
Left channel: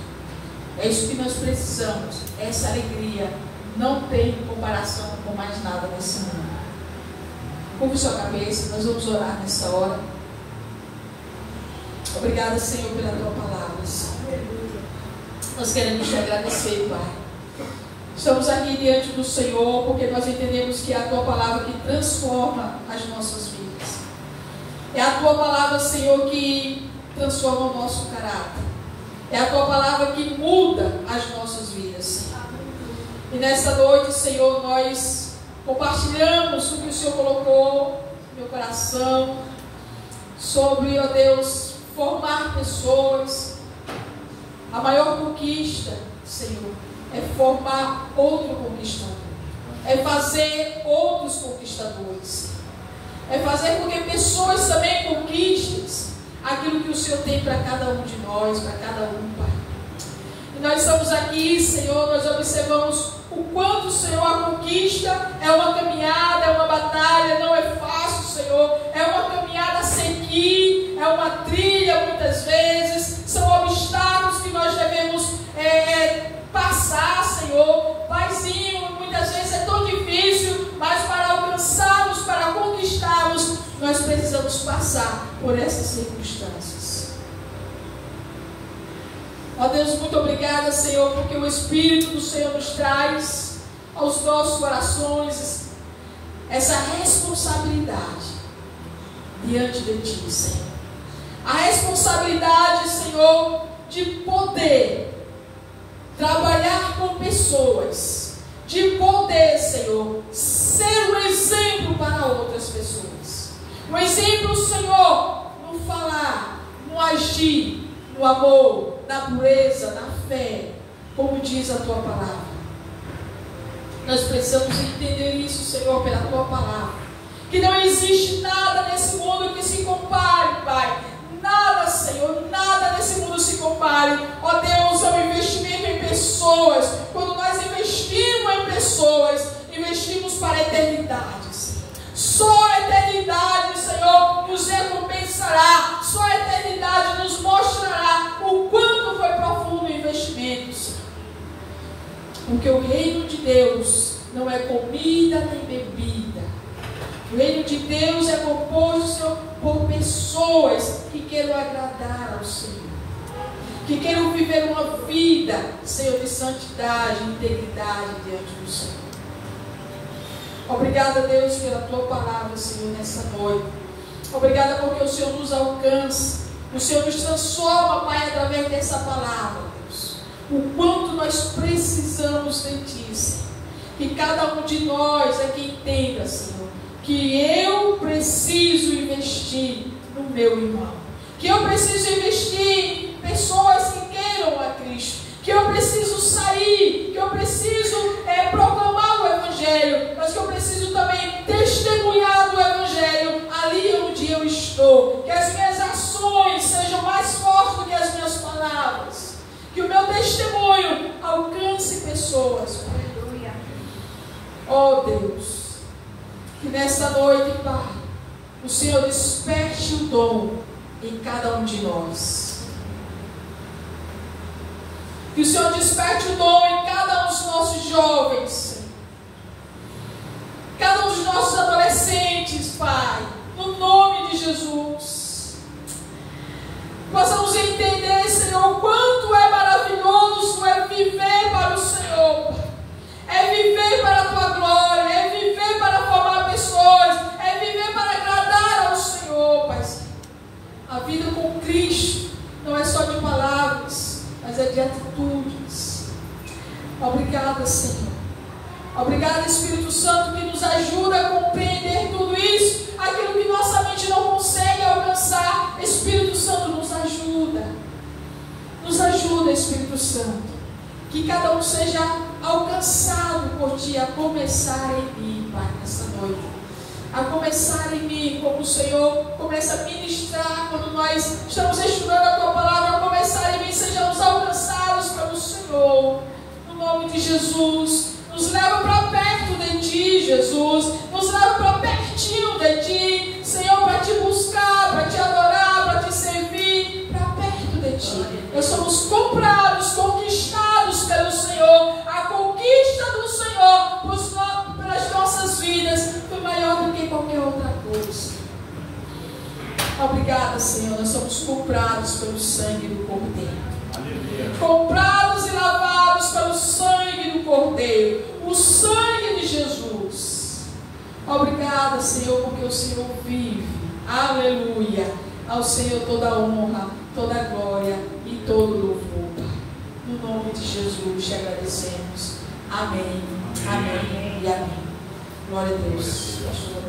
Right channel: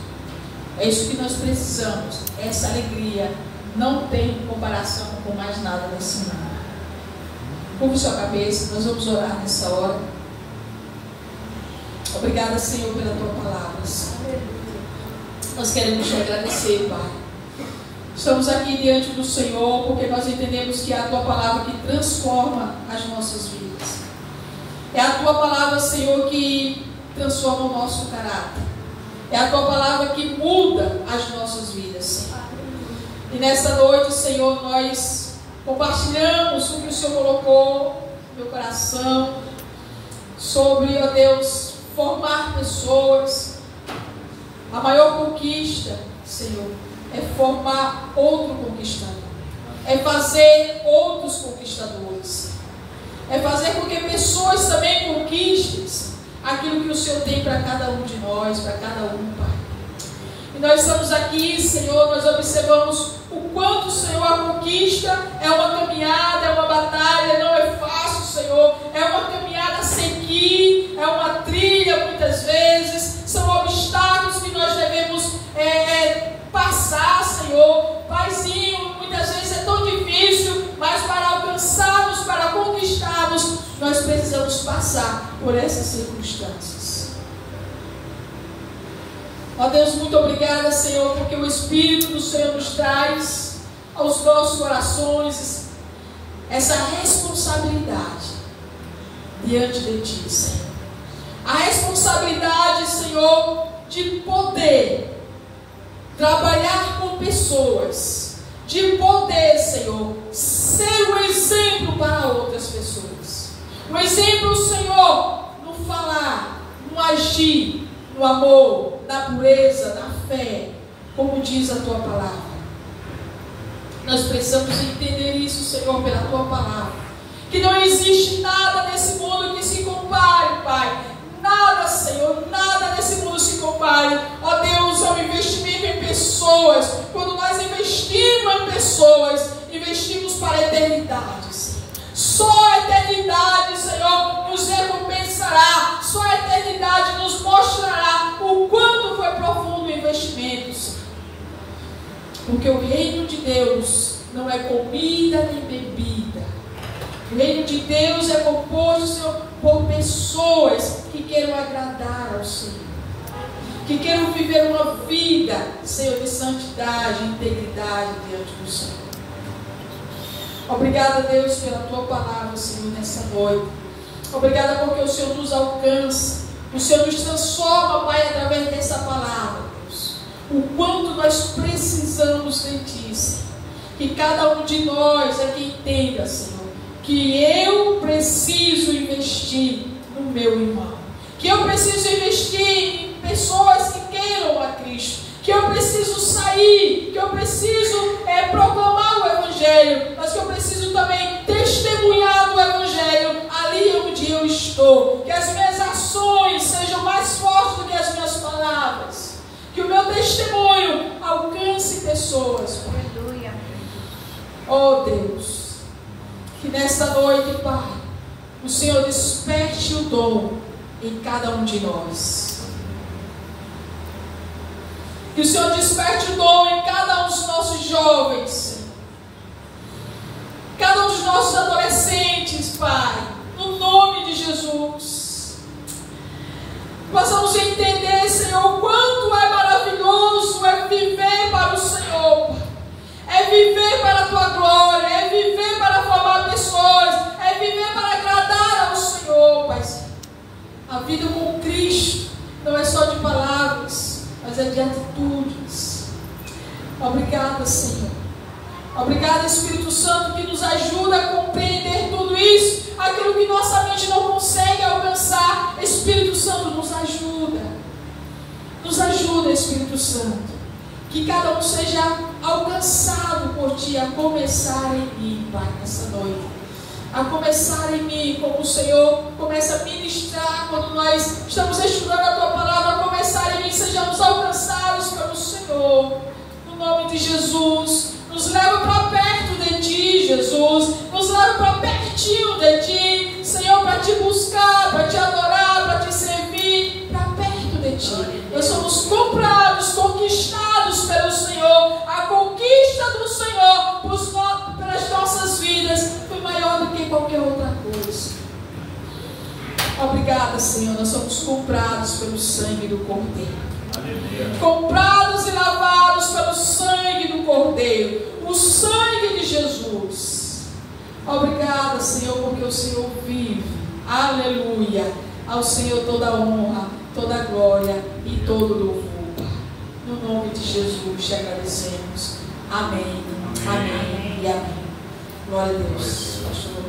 É isso que nós precisamos. Essa alegria não tem comparação com mais nada nesse mundo. Curve sua cabeça, nós vamos orar nessa hora. Obrigada, Senhor, pela tua palavra. Nós queremos te agradecer, Pai. Estamos aqui diante do Senhor porque nós entendemos que é a tua palavra que transforma as nossas vidas. É a tua palavra, Senhor, que transforma o nosso caráter. É a tua palavra que muda as nossas vidas, Senhor. E nesta noite, Senhor, nós compartilhamos o que o Senhor colocou no meu coração sobre, ó Deus, formar pessoas. A maior conquista, Senhor, é formar outro conquistador. É fazer outros conquistadores. É fazer com que pessoas também conquistem aquilo que o Senhor tem para cada um de nós, para cada um, Pai. E nós estamos aqui, Senhor, nós observamos o quanto, Senhor, a conquista é uma caminhada, é uma batalha, não é fácil, Senhor. É uma caminhada a seguir, é uma trilha muitas vezes, são obstáculos que nós devemos passar, Senhor. Paizinho, muitas vezes é tão difícil, mas para alcançarmos, para conquistarmos, nós precisamos passar por essas circunstâncias. Ó Deus, muito obrigada, Senhor, porque o Espírito do Senhor nos traz aos nossos corações essa responsabilidade diante de Ti, Senhor. A responsabilidade, Senhor, de poder trabalhar com pessoas, de poder, Senhor, ser um exemplo para outras pessoas. Um exemplo, Senhor, no falar, no agir, no amor, na pureza, na fé, como diz a Tua palavra. Nós precisamos entender isso, Senhor, pela Tua palavra. Que não existe nada nesse mundo que se compare, Pai. Nada, Senhor, nada nesse mundo se compare. Ó Deus, é um investimento em pessoas. Quando nós investimos em pessoas, investimos para a eternidade, Senhor. Só a eternidade, Senhor, nos recompensará. Só a eternidade nos mostrará o quanto foi profundo o investimento, Senhor. Porque o reino de Deus não é comida nem bebida. O reino de Deus é composto, Senhor, por pessoas que queiram agradar ao Senhor, que queiram viver uma vida, Senhor, de santidade e integridade diante do Senhor. Obrigada, Deus, pela Tua palavra, Senhor, nessa noite. Obrigada porque o Senhor nos alcança, o Senhor nos transforma, Pai, através dessa palavra, Deus. O quanto nós precisamos de Ti, Senhor. Que cada um de nós aqui entenda, Senhor, que eu preciso investir no meu irmão, que eu preciso investir em pessoas que queiram a Cristo, que eu preciso sair, que eu preciso proclamar o Evangelho, mas que eu preciso também testemunhar do Evangelho ali onde eu estou, que as minhas ações sejam mais fortes do que as minhas palavras, que o meu testemunho alcance pessoas. Aleluia. Oh Deus, que nessa noite, Pai, o Senhor desperte o dom em cada um de nós. Que o Senhor desperte o dom em cada um dos nossos jovens, cada um dos nossos adolescentes, Pai, no nome de Jesus. Possamos entender, Senhor, o quanto é maravilhoso é viver para o Senhor, é viver para a Tua glória, é viver para formar pessoas, é viver para agradar ao Senhor, Pai. A vida com Cristo não é só de palavras, mas é de atitudes. Obrigada, Senhor. Obrigada, Espírito Santo, que nos ajuda a compreender tudo isso, aquilo que nossa mente não consegue alcançar. Espírito Santo, nos ajuda. Nos ajuda, Espírito Santo. Que cada um seja alcançado por Ti, a começar em mim, Pai, nessa noite. A começar em mim, como o Senhor começa a ministrar quando nós estamos estudando a Tua palavra. A começar em mim, sejamos alcançados pelo Senhor, no nome de Jesus. Nos leva para perto de Ti, Jesus. Nos leva para pertinho de Ti, Senhor, para Te buscar, para Te adorar, para Te servir, para perto de Ti. Nós somos comprados, conquistados pelo Senhor. A conquista do Senhor pelas nossas vidas foi maior do que qualquer outra coisa. Obrigada, Senhor. Nós somos comprados pelo sangue do Cordeiro. Comprados e lavados pelo sangue do Cordeiro, o sangue de Jesus. Obrigada, Senhor, porque o Senhor vive. Aleluia. Ao Senhor toda a honra, toda a glória e todo o louvor. No nome de Jesus te agradecemos. Amém. Amém e amém. Glória a Deus. Pastor.